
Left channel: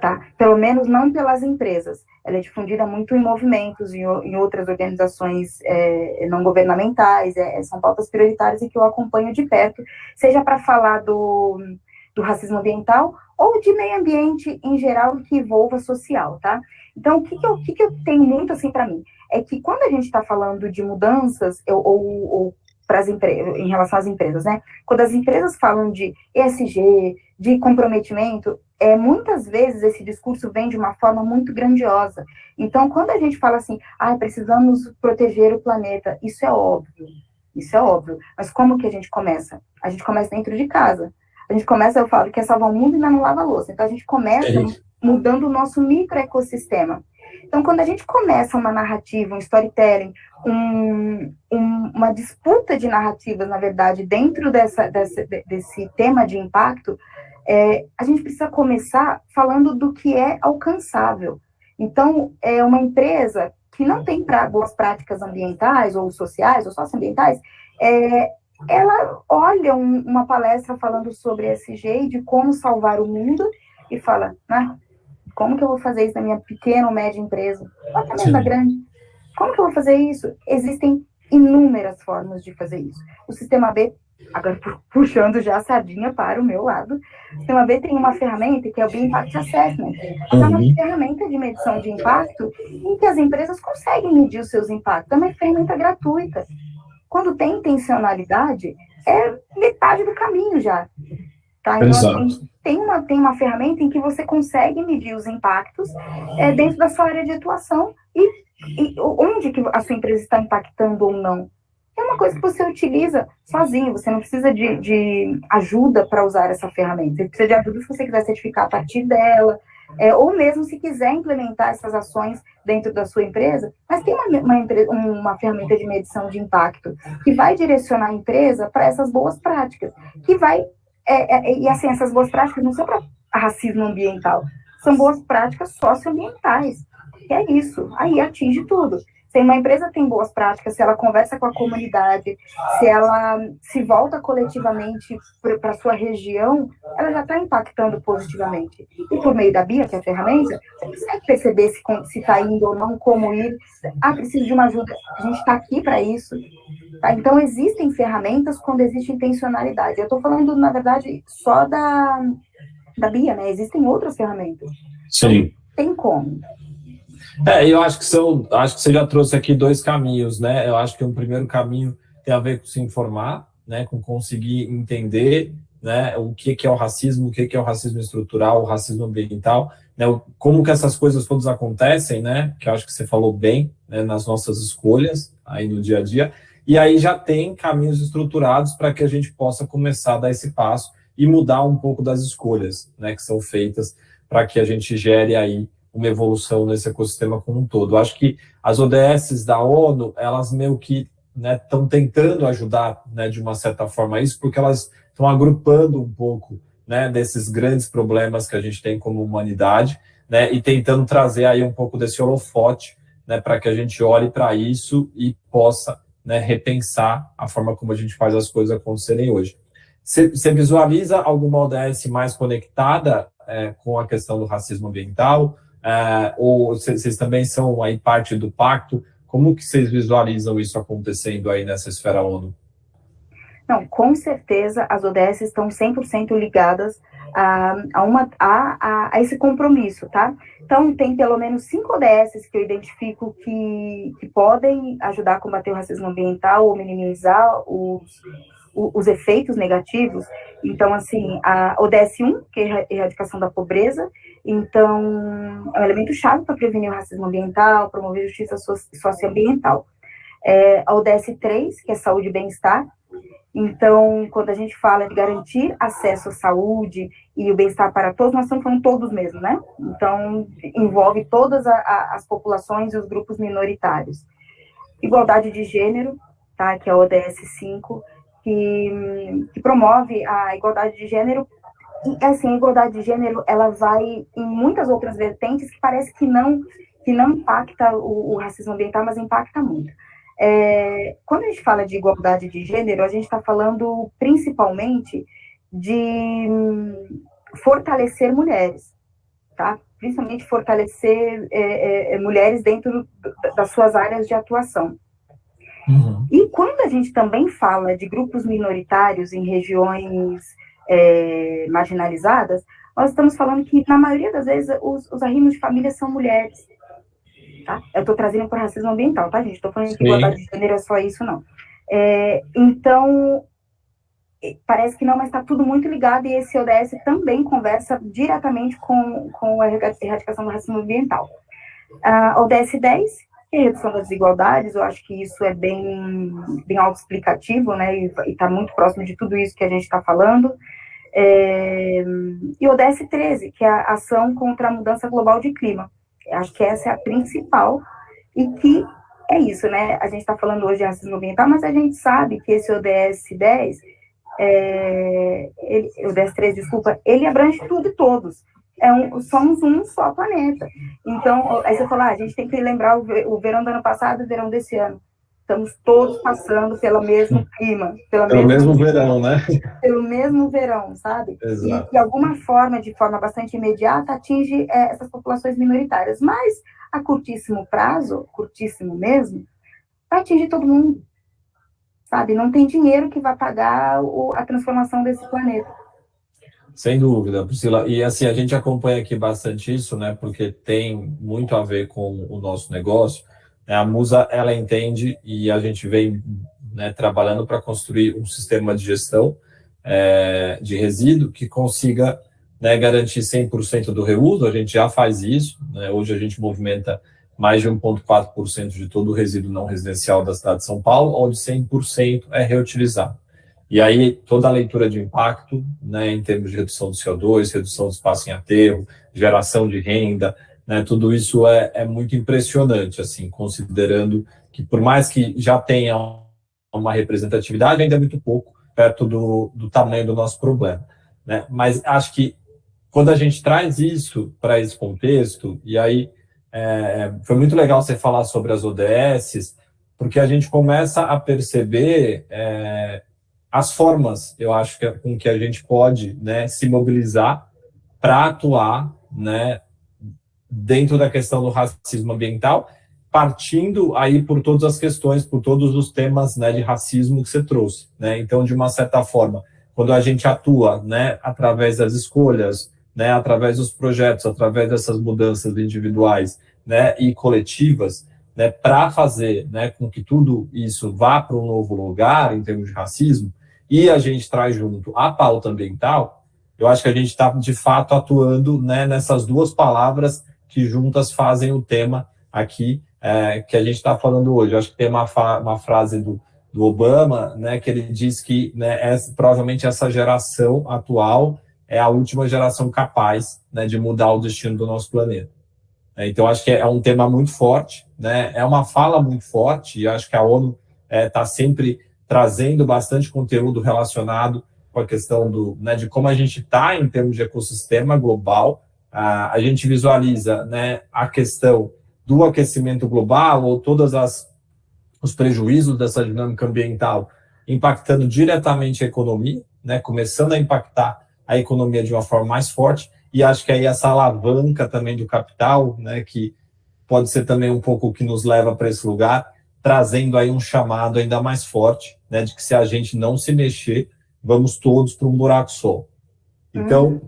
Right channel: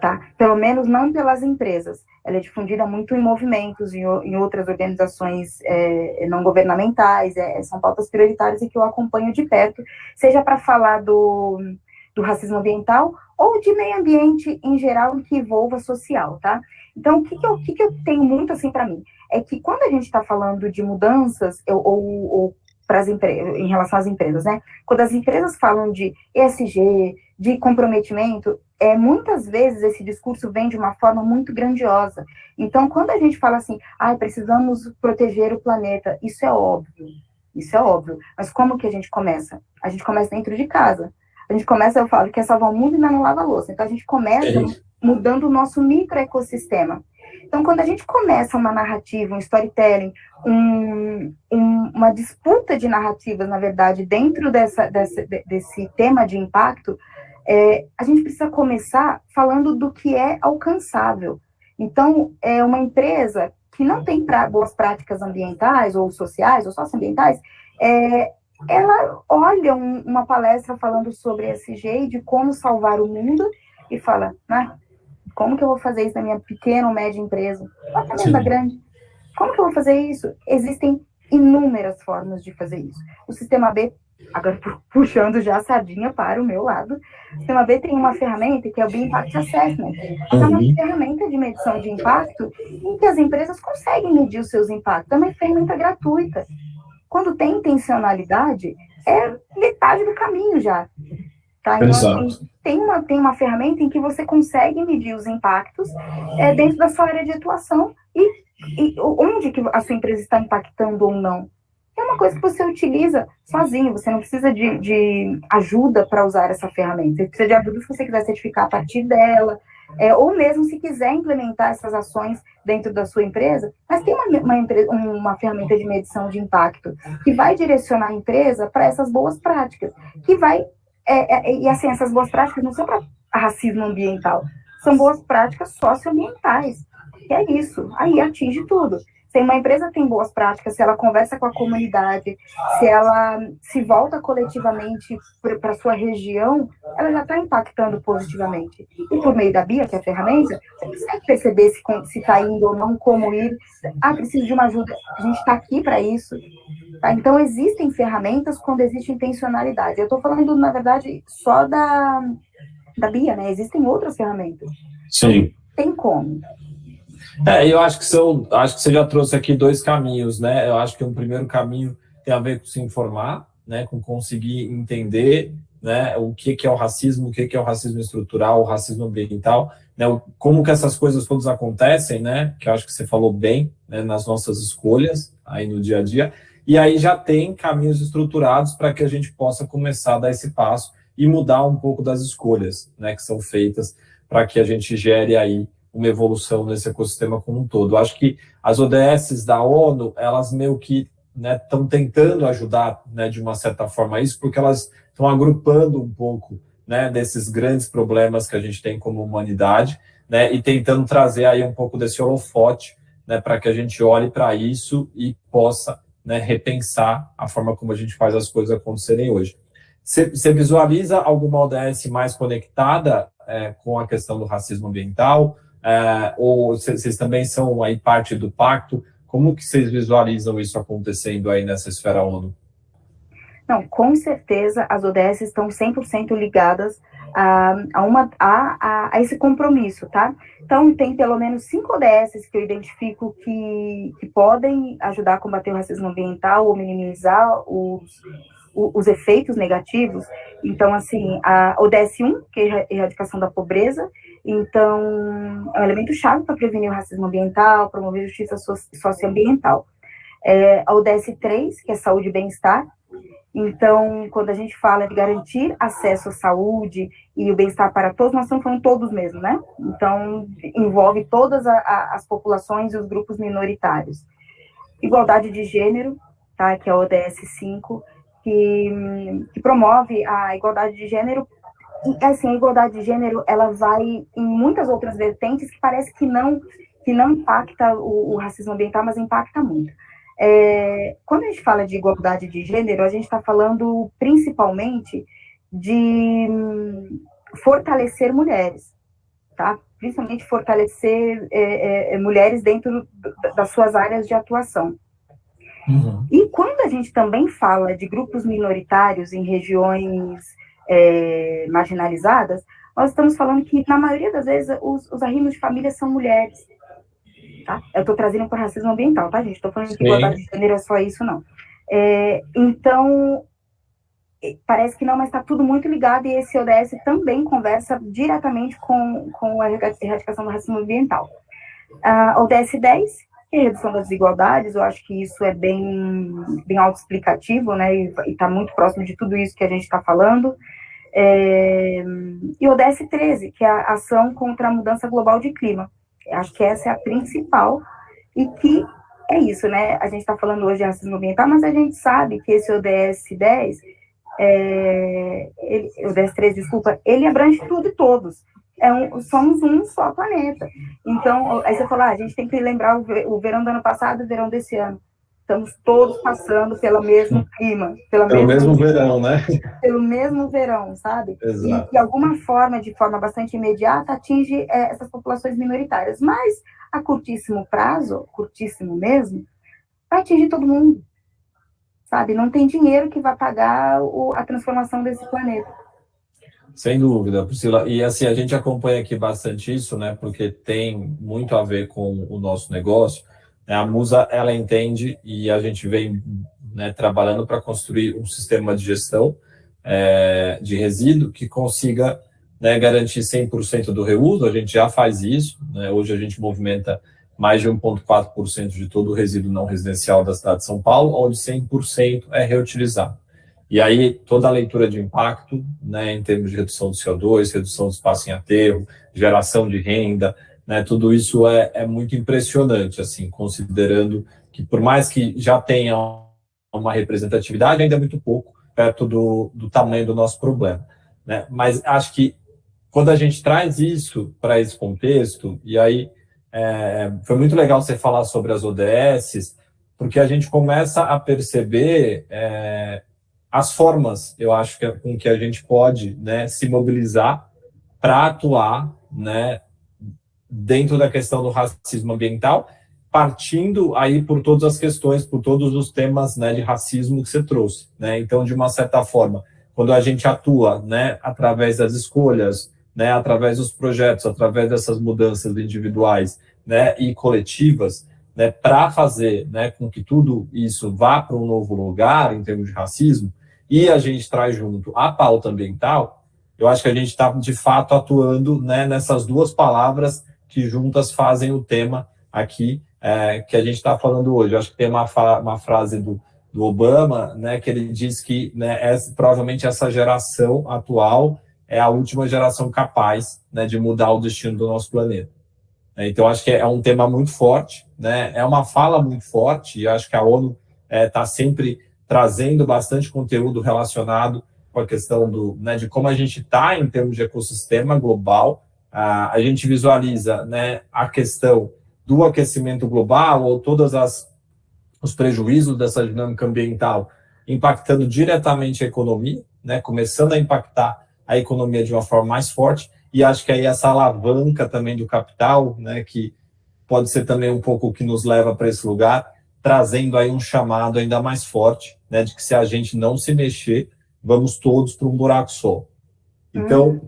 Tá? Pelo menos não pelas empresas. Ela é difundida muito em movimentos, em outras organizações não governamentais, são pautas prioritárias e que eu acompanho de perto, seja para falar do racismo ambiental ou de meio ambiente em geral que envolva social, tá? Então, o que eu tenho muito assim para mim? É que quando a gente está falando de mudanças, ou em relação às empresas, né? Quando as empresas falam de ESG, de comprometimento, muitas vezes esse discurso vem de uma forma muito grandiosa. Então, quando a gente fala assim, precisamos proteger o planeta, isso é óbvio. Mas como que a gente começa? A gente começa dentro de casa. A gente começa, eu falo, quer salvar o mundo e ainda não lava a louça. Então, a gente começa mudando o nosso microecossistema. Então, quando a gente começa uma narrativa, um storytelling, uma disputa de narrativas, na verdade, dentro desse tema de impacto, a gente precisa começar falando do que é alcançável. Então, uma empresa que não tem boas práticas ambientais, ou sociais, ou socioambientais, ela olha uma palestra falando sobre ESG e de como salvar o mundo e fala, como que eu vou fazer isso na minha pequena ou média empresa? Até mesmo na grande. Como que eu vou fazer isso? Existem inúmeras formas de fazer isso. O Sistema B, agora puxando já a sardinha para o meu lado, o Sistema B tem uma ferramenta que é o B-Impact Assessment. É uma ferramenta de medição de impacto em que as empresas conseguem medir os seus impactos. É uma ferramenta gratuita. Quando tem intencionalidade, é metade do caminho já. Tá? Então, assim, tem uma ferramenta em que você consegue medir os impactos dentro da sua área de atuação e onde que a sua empresa está impactando ou não. É uma coisa que você utiliza sozinho, você não precisa de ajuda para usar essa ferramenta. Você precisa de ajuda se você quiser certificar a partir dela, ou mesmo se quiser implementar essas ações dentro da sua empresa, mas tem uma ferramenta de medição de impacto que vai direcionar a empresa para essas boas práticas, que vai e assim, essas boas práticas não são para racismo ambiental, são boas práticas socioambientais, que é isso, aí atinge tudo. Se uma empresa tem boas práticas, se ela conversa com a comunidade, se ela se volta coletivamente para a sua região, ela já está impactando positivamente. E por meio da BIA, que é a ferramenta, você consegue perceber se está indo ou não, como ir. Preciso de uma ajuda. A gente está aqui para isso. Tá? Então, existem ferramentas quando existe intencionalidade. Eu estou falando, na verdade, só da BIA, né? Existem outras ferramentas. Sim. Então, tem como. Eu acho que você já trouxe aqui dois caminhos, né? Eu acho que um primeiro caminho tem a ver com se informar, né? Com conseguir entender, né? O que é o racismo, o que é o racismo estrutural, o racismo ambiental, né? Como que essas coisas todas acontecem, né? Que eu acho que você falou bem, né? Nas nossas escolhas aí no dia a dia. E aí já tem caminhos estruturados para que a gente possa começar a dar esse passo e mudar um pouco das escolhas, né, que são feitas para que a gente gere aí uma evolução nesse ecossistema como um todo. Eu acho que as ODSs da ONU, elas meio que estão tentando ajudar, né, de uma certa forma isso, porque elas estão agrupando um pouco, né, desses grandes problemas que a gente tem como humanidade, né, e tentando trazer aí um pouco desse holofote, né, para que a gente olhe para isso e possa, né, repensar a forma como a gente faz as coisas acontecerem hoje. Você visualiza alguma ODS mais conectada com a questão do racismo ambiental? Ou vocês também são aí parte do pacto? Como que vocês visualizam isso acontecendo aí nessa esfera ONU? Não, com certeza as ODS estão 100% ligadas a esse compromisso, tá? Então, tem pelo menos 5 ODS que eu identifico que podem ajudar a combater o racismo ambiental ou minimizar os efeitos negativos. Então, assim, a ODS 1, que é a erradicação da pobreza, então, é um elemento chave para prevenir o racismo ambiental, promover justiça socioambiental. A ODS 3, que é saúde e bem-estar. Então, quando a gente fala de garantir acesso à saúde e o bem-estar para todos, nós estamos falando todos mesmo, né? Então, envolve todas as populações e os grupos minoritários. Igualdade de gênero, tá? Que é a ODS 5, que promove a igualdade de gênero. E, assim, a igualdade de gênero, ela vai em muitas outras vertentes que parece que não impacta o racismo ambiental, mas impacta muito. Quando a gente fala de igualdade de gênero, a gente está falando principalmente de fortalecer mulheres, tá? Principalmente fortalecer mulheres dentro das suas áreas de atuação. Uhum. E quando a gente também fala de grupos minoritários em regiões marginalizadas, nós estamos falando que, na maioria das vezes, os arrimos de família são mulheres. Tá? Eu estou trazendo para o racismo ambiental, tá, gente? Estou falando que igualdade de gênero é só isso, não. Então, parece que não, mas está tudo muito ligado, e esse ODS também conversa diretamente com a erradicação do racismo ambiental. A ODS 10, que é a redução das desigualdades, eu acho que isso é bem autoexplicativo, né, e está muito próximo de tudo isso que a gente está falando. E o ODS 13, que é a ação contra a mudança global de clima. Acho que essa é a principal, e que é isso, né? A gente está falando hoje de racismo ambiental, mas a gente sabe que esse ODS 10, ODS 13, desculpa, ele abrange tudo e todos. Somos um só planeta. Então, aí você fala, a gente tem que lembrar o verão do ano passado e o verão desse ano. Estamos todos passando pelo mesmo clima. Pelo mesmo verão, né? Pelo mesmo verão, sabe? Exato. E de alguma forma, de forma bastante imediata, atinge essas populações minoritárias. Mas, a curtíssimo prazo, curtíssimo mesmo, vai atingir todo mundo, sabe? Não tem dinheiro que vai pagar a transformação desse planeta. Sem dúvida, Priscila. E assim, a gente acompanha aqui bastante isso, né? Porque tem muito a ver com o nosso negócio. A Musa, ela entende, e a gente vem, né, trabalhando para construir um sistema de gestão de resíduo que consiga, né, garantir 100% do reuso. A gente já faz isso, né? Hoje a gente movimenta mais de 1,4% de todo o resíduo não residencial da cidade de São Paulo, onde 100% é reutilizado. E aí, toda a leitura de impacto, né, em termos de redução do CO2, redução do espaço em aterro, geração de renda, né, tudo isso é muito impressionante, assim, considerando que, por mais que já tenha uma representatividade, ainda é muito pouco perto do tamanho do nosso problema, né? Mas acho que quando a gente traz isso para esse contexto, e aí foi muito legal você falar sobre as ODSs, porque a gente começa a perceber as formas, eu acho, com que a gente pode, né, se mobilizar para atuar, né, dentro da questão do racismo ambiental, partindo aí por todas as questões, por todos os temas, né, de racismo que você trouxe, né? Então, de uma certa forma, quando a gente atua, né, através das escolhas, né, através dos projetos, através dessas mudanças individuais, né, e coletivas, né, para fazer, né, com que tudo isso vá para um novo lugar em termos de racismo, e a gente traz junto a pauta ambiental, eu acho que a gente está, de fato, atuando, né, nessas duas palavras que juntas fazem o tema aqui que a gente está falando hoje. Eu acho que tem uma frase do Obama, né, que ele diz que, né, provavelmente essa geração atual é a última geração capaz, né, de mudar o destino do nosso planeta. Então, acho que é um tema muito forte, né, é uma fala muito forte, e acho que a ONU está sempre trazendo bastante conteúdo relacionado com a questão né, de como a gente está em termos de ecossistema global. A gente visualiza, né, a questão do aquecimento global ou todas os prejuízos dessa dinâmica ambiental impactando diretamente a economia, né, começando a impactar a economia de uma forma mais forte, e acho que aí essa alavanca também do capital, né, que pode ser também um pouco o que nos leva para esse lugar, trazendo aí um chamado ainda mais forte, né, de que se a gente não se mexer, vamos todos para um buraco só. Então,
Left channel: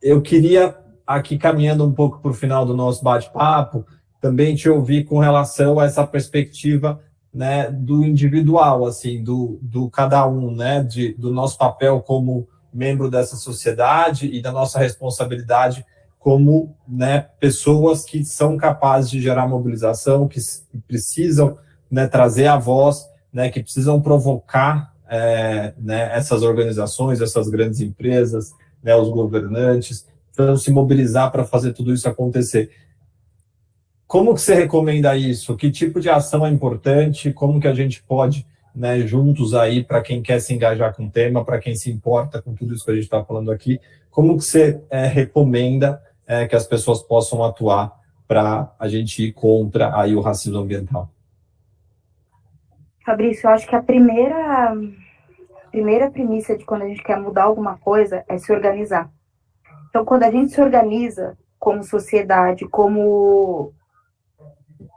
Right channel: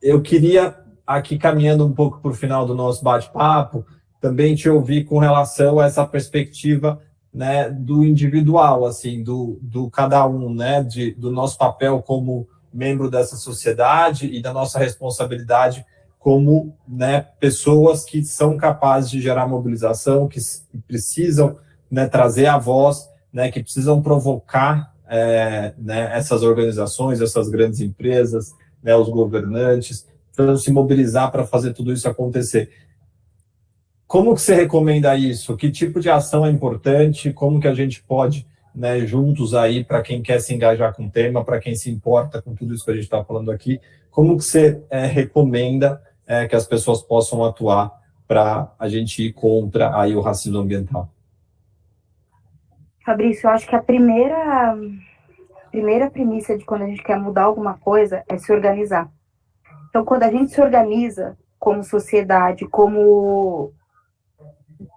eu queria, aqui caminhando um pouco para o final do nosso bate-papo, também te ouvir com relação a essa perspectiva, né, do individual, assim, do cada um, né, do nosso papel como membro dessa sociedade e da nossa responsabilidade como, né, pessoas que são capazes de gerar mobilização, que precisam, né, trazer a voz, né, que precisam provocar né, essas organizações, essas grandes empresas, né, os governantes, para se mobilizar para fazer tudo isso acontecer. Como que você recomenda isso? Que tipo de ação é importante? Como que a gente pode, né, juntos aí, para quem quer se engajar com o tema, para quem se importa com tudo isso que a gente está falando aqui, como que você recomenda que as pessoas possam atuar para a gente ir contra aí o racismo ambiental? Fabrício, eu acho que a primeira premissa de quando a gente quer mudar alguma coisa é se organizar. Então, quando a gente se organiza como sociedade, como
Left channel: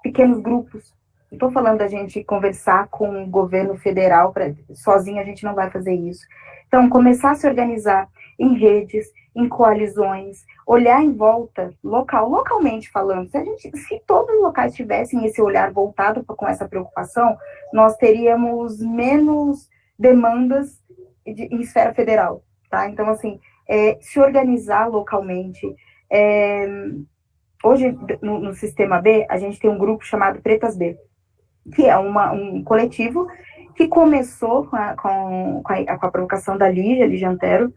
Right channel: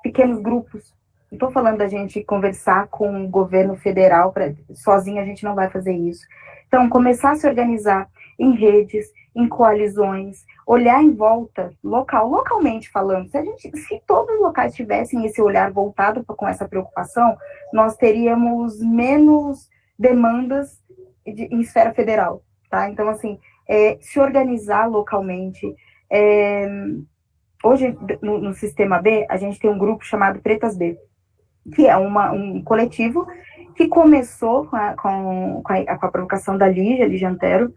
pequenos grupos, não estou falando da gente conversar com o governo federal, sozinho a gente não vai fazer isso. Então, começar a se organizar em redes, em coalizões, olhar em volta, localmente falando. Se todos os locais tivessem esse olhar voltado com essa preocupação, nós teríamos menos demandas em esfera federal, tá? Então, assim, se organizar localmente. Hoje, no Sistema B, a gente tem um grupo chamado Pretas B, que é um coletivo que começou com a provocação da Lígia Antero.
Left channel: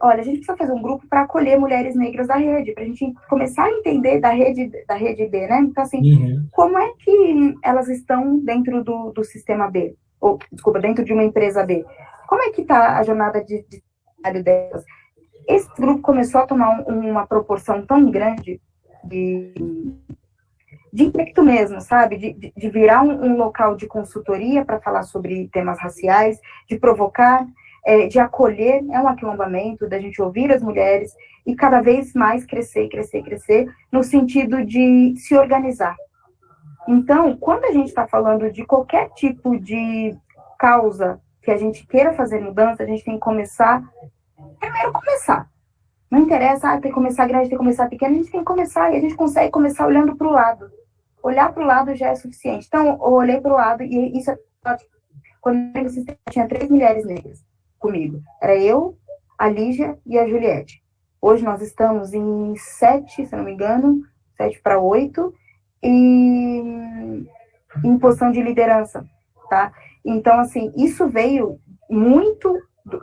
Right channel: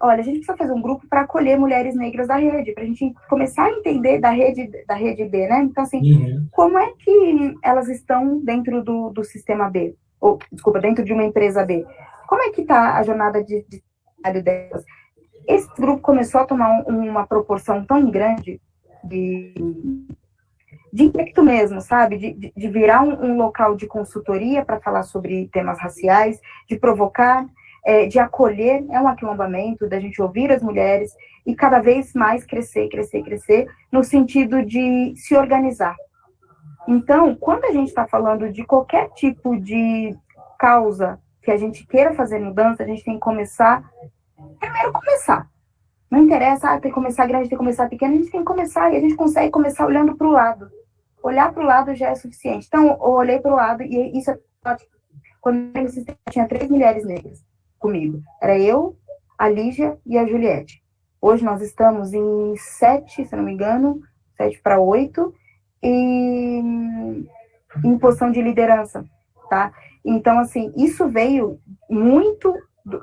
Olha, a gente precisa fazer um grupo para acolher mulheres negras da rede, para a gente começar a entender da rede B, né? Então, assim, como é que elas estão dentro do Sistema B? Ou, desculpa, dentro de uma empresa B? Como é que está a jornada de trabalho delas? Esse grupo começou a tomar uma proporção tão grande de impacto mesmo, sabe? De virar um local de consultoria para falar sobre temas raciais, de provocar, de acolher, um aquilombamento, da gente ouvir as mulheres e cada vez mais crescer, no sentido de se organizar. Então, quando a gente está falando de qualquer tipo de causa que a gente queira fazer mudança, a gente tem que começar. Não interessa, tem que começar grande, tem que começar pequeno, a gente tem que começar, e a gente consegue começar olhando para o lado. Olhar para o lado já é suficiente. Então, eu olhei para o lado, e isso é ótimo. Quando eu sistema, tinha 3 mulheres negras comigo. Era eu, a Lígia e a Juliette. Hoje nós estamos em 7, se não me engano, 7 para 8, e em posição de liderança, tá? Então, assim, isso veio muito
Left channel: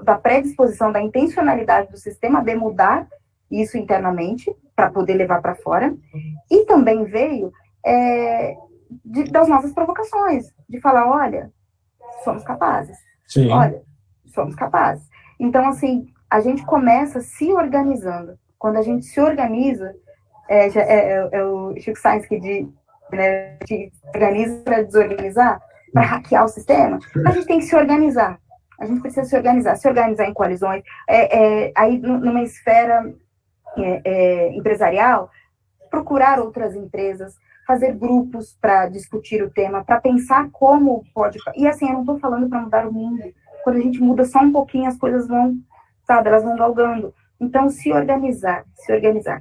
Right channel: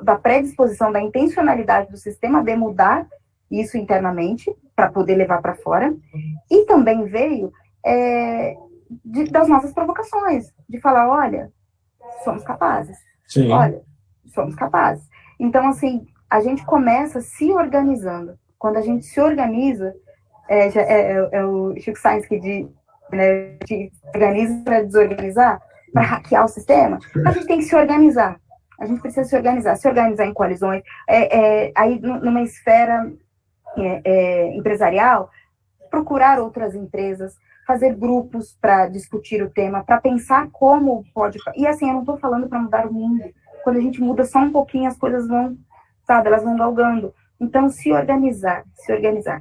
da predisposição, da intencionalidade do Sistema B mudar isso internamente, para poder levar para fora, e também veio das nossas provocações, de falar, olha, somos capazes. Sim. Olha, somos capazes. Então, assim, a gente começa se organizando. Quando a gente se organiza, é o Chico Sainz que diz, né, se organiza para desorganizar, para hackear o sistema, a gente tem que se organizar. A gente precisa se organizar em coalizões. Aí, numa esfera empresarial, procurar outras empresas, fazer grupos para discutir o tema, para pensar como pode... E assim, eu não estou falando para mudar o mundo. Quando a gente muda só um pouquinho, as coisas vão, sabe, elas vão galgando. Então, se organizar,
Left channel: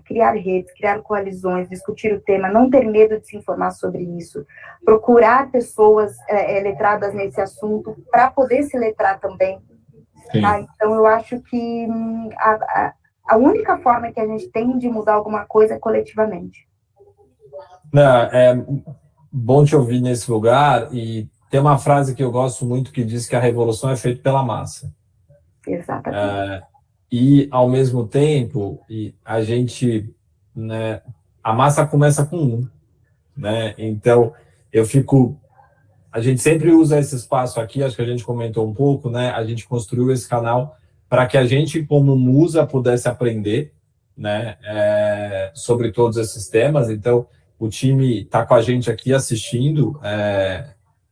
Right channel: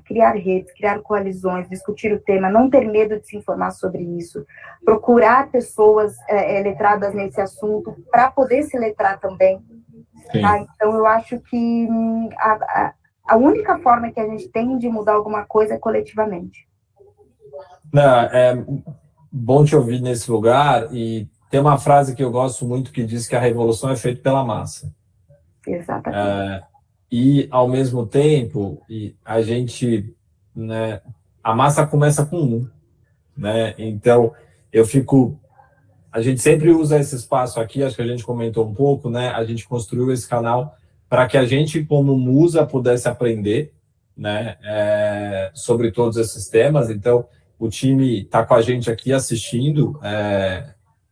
criar redes, criar coalizões, discutir o tema, não ter medo de se informar sobre isso, procurar pessoas letradas nesse assunto para poder se letrar também. Tá? Então, eu acho que a única forma que a gente tem de mudar alguma coisa é coletivamente. Não, é bom te ouvir nesse lugar, e Tem uma frase que eu gosto muito que diz que a revolução é feita pela massa. Exatamente. E, ao mesmo tempo, a gente, né, a massa começa com um, né? Então, a gente sempre usa esse espaço aqui, acho que a gente comentou um pouco, né? A gente construiu esse canal para que a gente, como musa, pudesse aprender, né, sobre todos esses temas. Então, o time está com a gente aqui assistindo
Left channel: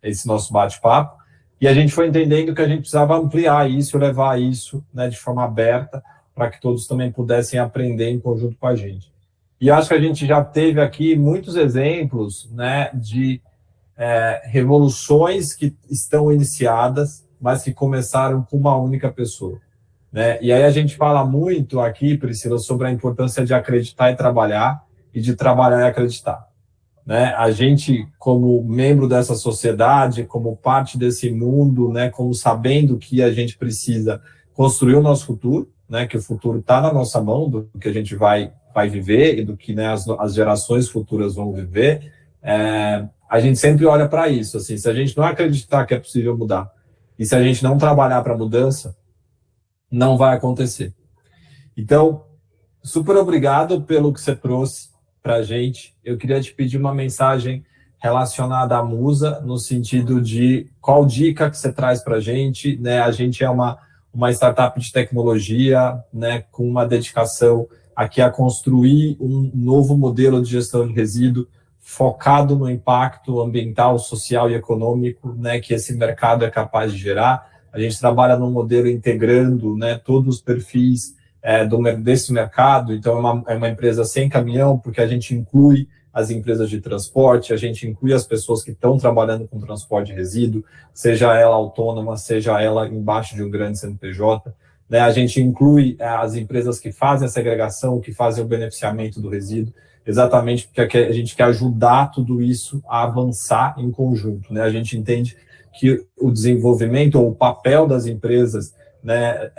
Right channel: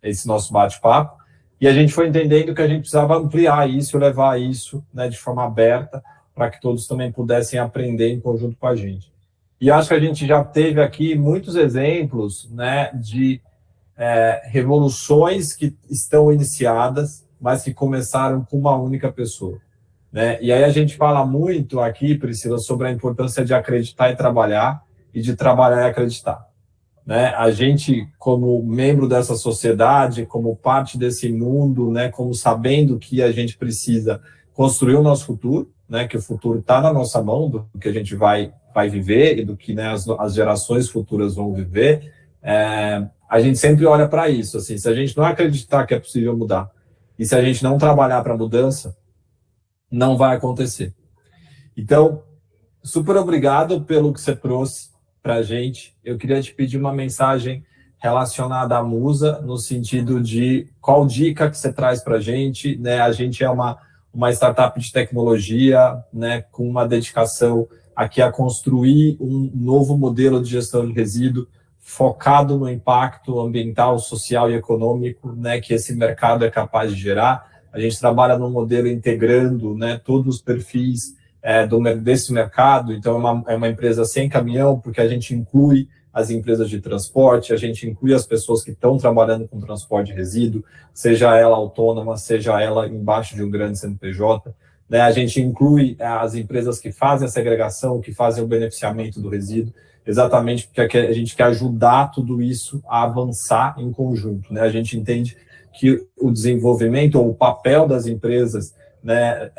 esse nosso bate-papo, e a gente foi entendendo que a gente precisava ampliar isso, levar isso, né, de forma aberta, para que todos também pudessem aprender em conjunto com a gente. E acho que a gente já teve aqui muitos exemplos, né, de revoluções que estão iniciadas, mas que começaram com uma única pessoa, né? E aí a gente fala muito aqui, Priscila, sobre a importância de acreditar e trabalhar, e de trabalhar e acreditar, né? A gente, como membro dessa sociedade, como parte desse mundo, né, como sabendo que a gente precisa construir o nosso futuro, né, que o futuro está na nossa mão, do que a gente vai viver e do que, né, as gerações futuras vão viver, a gente sempre olha para isso. Assim, se a gente não acreditar que é possível mudar e se a gente não trabalhar para a mudança, não vai acontecer. Então, super obrigado pelo que você trouxe para a gente. Eu queria te pedir uma mensagem relacionada à Musa, no sentido de qual dica que você traz para a gente, né? A gente é uma startup de tecnologia, né, com uma dedicação aqui a construir um novo modelo de gestão de resíduo focado no impacto ambiental, social e econômico, né, que esse mercado é capaz de gerar. A gente trabalha num modelo integrando, né, todos os perfis desse mercado. Então, é uma empresa sem caminhão, porque a gente inclui as empresas de transporte, a gente inclui as pessoas que estão trabalhando com transporte de resíduo, seja ela autônoma, seja ela embaixo de um grande CNPJ, né? A gente inclui as empresas que fazem a segregação, que fazem o beneficiamento do resíduo, exatamente porque a gente quer ajudar tudo isso a avançar em conjunto, né? A gente entende que o desenvolvimento ou o papel das empresas, né,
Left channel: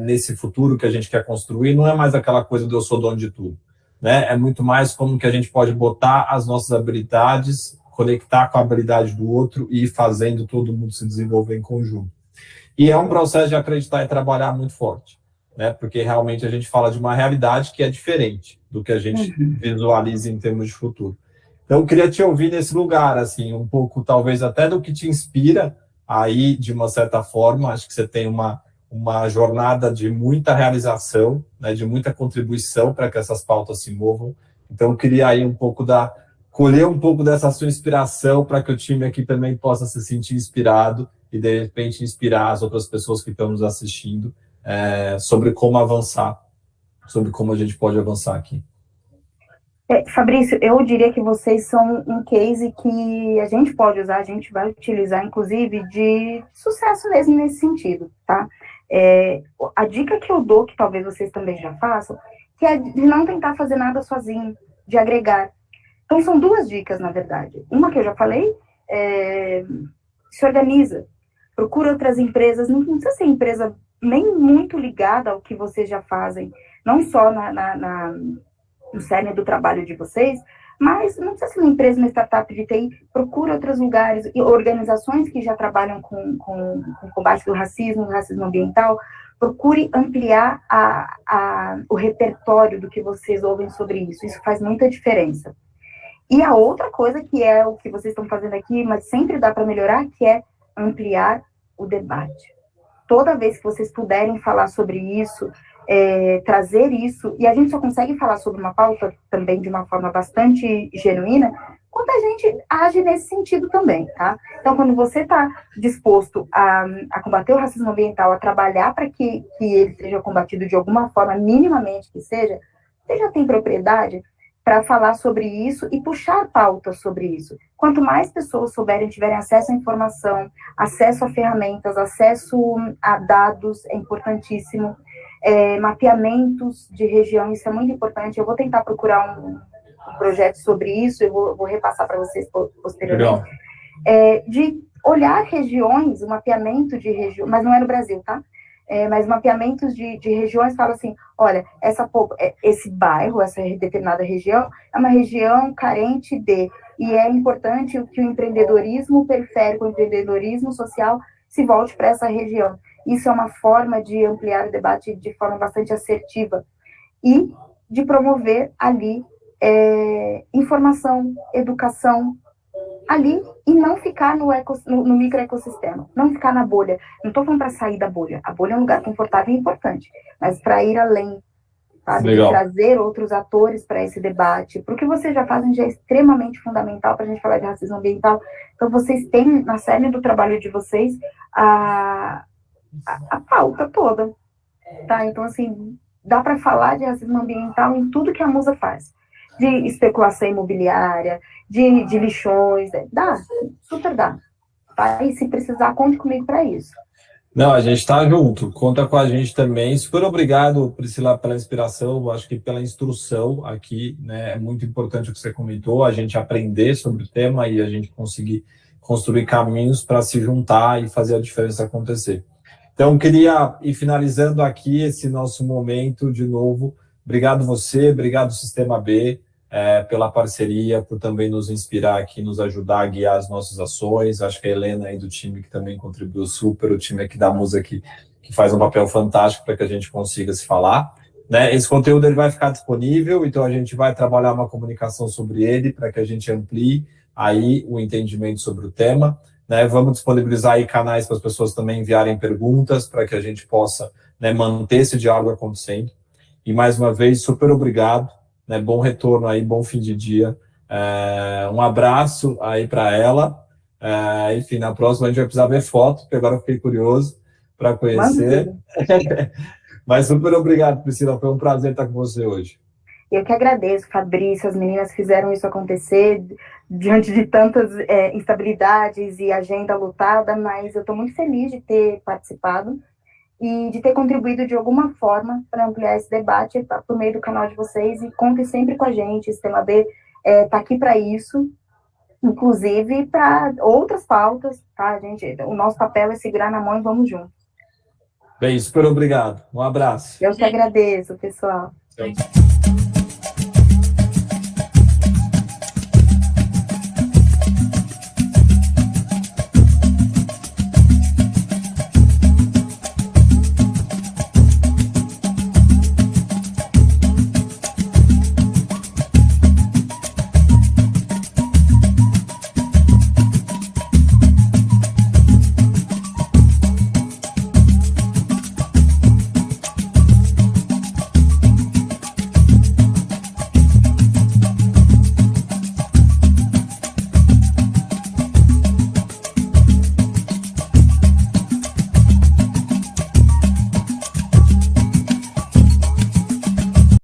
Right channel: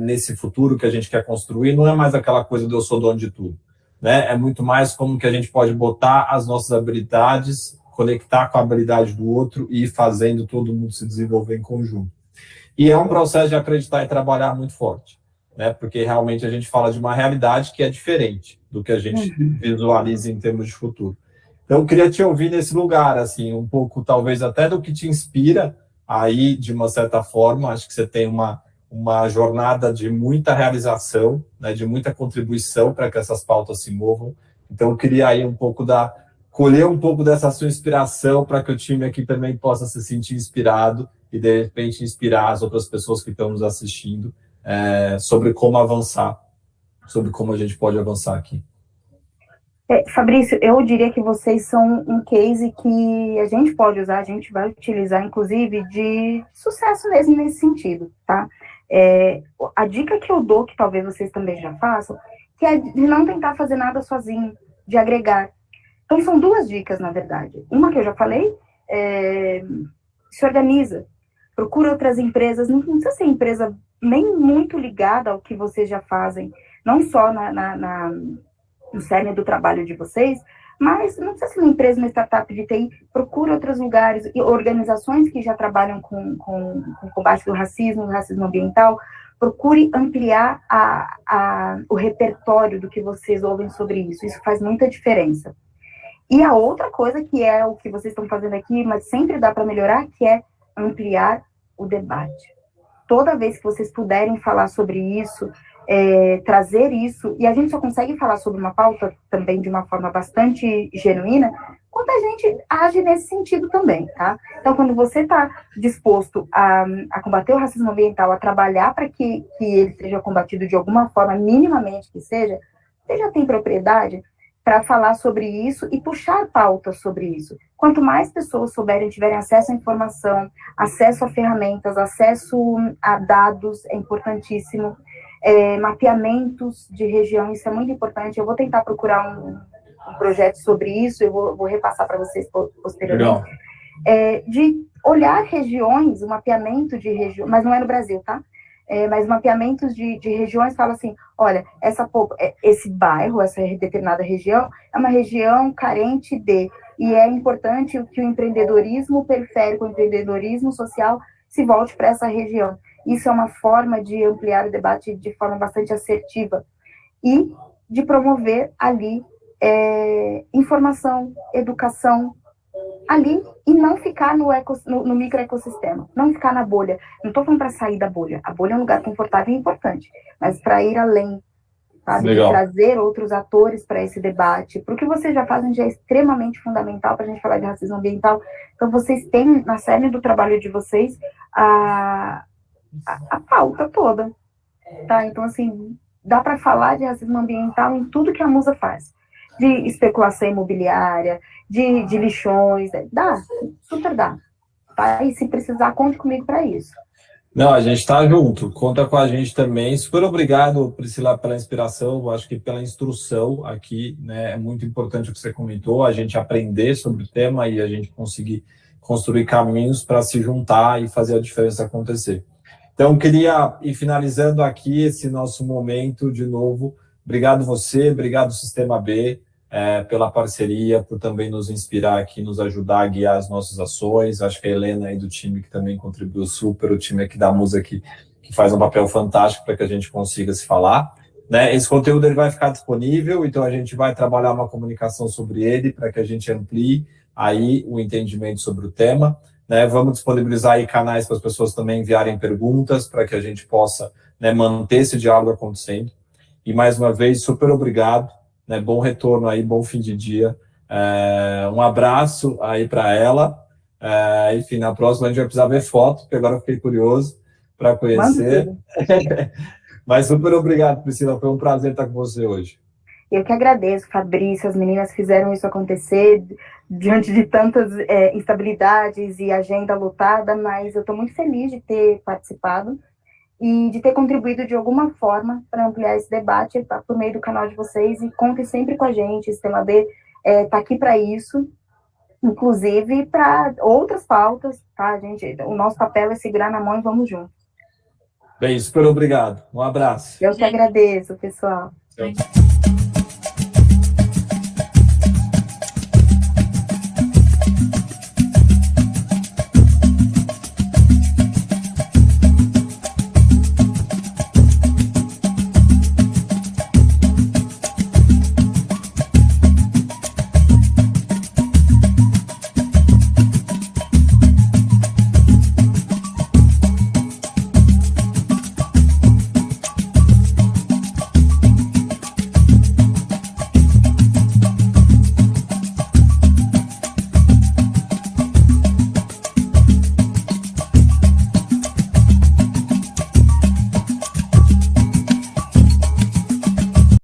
nesse futuro que a gente quer construir, não é mais aquela coisa de eu sou dono de tudo, né? É muito mais como que a gente pode botar as nossas habilidades, conectar com a habilidade do outro e ir fazendo todo mundo se desenvolver em conjunto. E é um processo de acreditar e trabalhar muito forte, né? Porque realmente a gente fala de uma realidade que é diferente do que a gente visualiza em termos de futuro. Então, eu queria te ouvir nesse lugar, assim, um pouco, talvez, até do que te inspira aí, de uma certa forma. Acho que você tem uma jornada de muita realização, né, de muita contribuição para que essas pautas se movam. Então, eu queria aí colher um pouco dessa sua inspiração para que o time aqui também possa se sentir inspirado e, de repente, inspirar as outras pessoas que estão nos assistindo sobre como avançar, sobre como a gente pode avançar aqui. Fabrício, eu diria que vocês são um case que a gente pode usar, a gente vai utilizar, inclusive, de sucesso mesmo nesse sentido, tá? A dica que eu dou, que talvez vocês também já façam, que é de não tentar fazer nada sozinho, de agregar. Então, são duas dicas, na verdade. Uma que eu já falei, se organiza, procura outras empresas, não precisa ser empresa nem muito ligada ao que vocês já fazem, não só no cerne do trabalho de vocês, mas não precisa ser uma empresa, uma startup de TI, procura outros lugares e organizações que já trabalham com combate do racismo ambiental, procure ampliar o repertório do que vocês ouvem sobre isso. Isso faz muita diferença. E a outra coisa, que é o que vocês estão fazendo aqui, mas sempre dá para melhorar, que é ampliar o debate. Toda vez que vocês puderem falar sobre isso, trazer isso, e a gente só consegue falar sobre uma pauta também de uma forma bastante genuína, quando a gente age nesse sentido também, tá? Então, quando você está disposto a combater o racismo ambiental, a trabalhar para que ele seja combatido de alguma forma, minimamente que seja, você já tem propriedade para falar sobre isso e puxar pautas sobre isso. Quanto mais pessoas tiverem acesso à informação, acesso a ferramentas, acesso a dados, é importantíssimo. Mapeamentos de região, isso é muito importante. Eu vou tentar procurar um projeto sobre isso, eu vou repassar para vocês posteriormente. De olhar regiões, o mapeamento de regiões, mas não é no Brasil, tá? Mas mapeamentos de regiões fala assim, olha, esse bairro, essa determinada região, é uma região carente de e é importante que o empreendedorismo periférico, o empreendedorismo social, se volte para essa região. Isso é uma forma de ampliar o debate de forma bastante assertiva e de promover ali informação, educação, ali, e não ficar no microecossistema, não ficar na bolha. Não estou falando para sair da bolha. A bolha é um lugar confortável e importante, mas para ir além, sabe? De trazer outros atores para esse debate. Porque vocês já fazem, já é extremamente fundamental para a gente falar de racismo ambiental. Então, vocês têm, na série do trabalho de vocês, a pauta toda. Tá? Então, assim, dá para falar de racismo ambiental em tudo que a Musa faz. De especulação imobiliária, de lixões, dá, super dá. Tá? E se precisar, conte comigo para isso. Não, a gente está junto, conta com a gente também. Super obrigado, Priscila, pela inspiração, acho que pela instrução aqui, né? É muito importante o que você comentou, a gente aprender sobre o tema e a gente conseguir construir caminhos para se juntar e fazer a diferença acontecer. Então, queria ir finalizando aqui esse nosso momento de novo. Obrigado você, obrigado Sistema B, pela parceria, por também nos inspirar aqui, nos ajudar a guiar as nossas ações. Acho que a Helena aí do time que também contribuiu super, o time aqui da Musa que faz um papel fantástico para que a gente consiga se falar. Né? Esse conteúdo ele vai ficar disponível, então a gente vai trabalhar uma comunicação sobre ele para que a gente amplie aí o entendimento sobre o tema. Né? Vamos disponibilizar aí canais para as pessoas também enviarem perguntas para que a gente possa, né, manter esse diálogo acontecendo. E mais uma vez, super obrigado. Né, bom retorno aí, bom fim de dia. Um abraço aí para ela. Enfim, na próxima a gente vai precisar ver foto, porque agora eu fiquei curioso para conhecer. Mas super obrigado, Priscila. Foi um prazer estar com você hoje. Eu que agradeço, Fabrício. As meninas fizeram isso acontecer diante de tantas instabilidades e agenda lotada, mas eu estou muito feliz de ter participado e de ter contribuído de alguma forma para ampliar esse debate por meio do canal de vocês, e contem sempre com a gente, o Sistema B está aqui para isso, inclusive para outras pautas, tá, gente? O nosso papel é segurar na mão e vamos juntos. Bem, super obrigado. Um abraço. Eu que agradeço, pessoal. Tchau.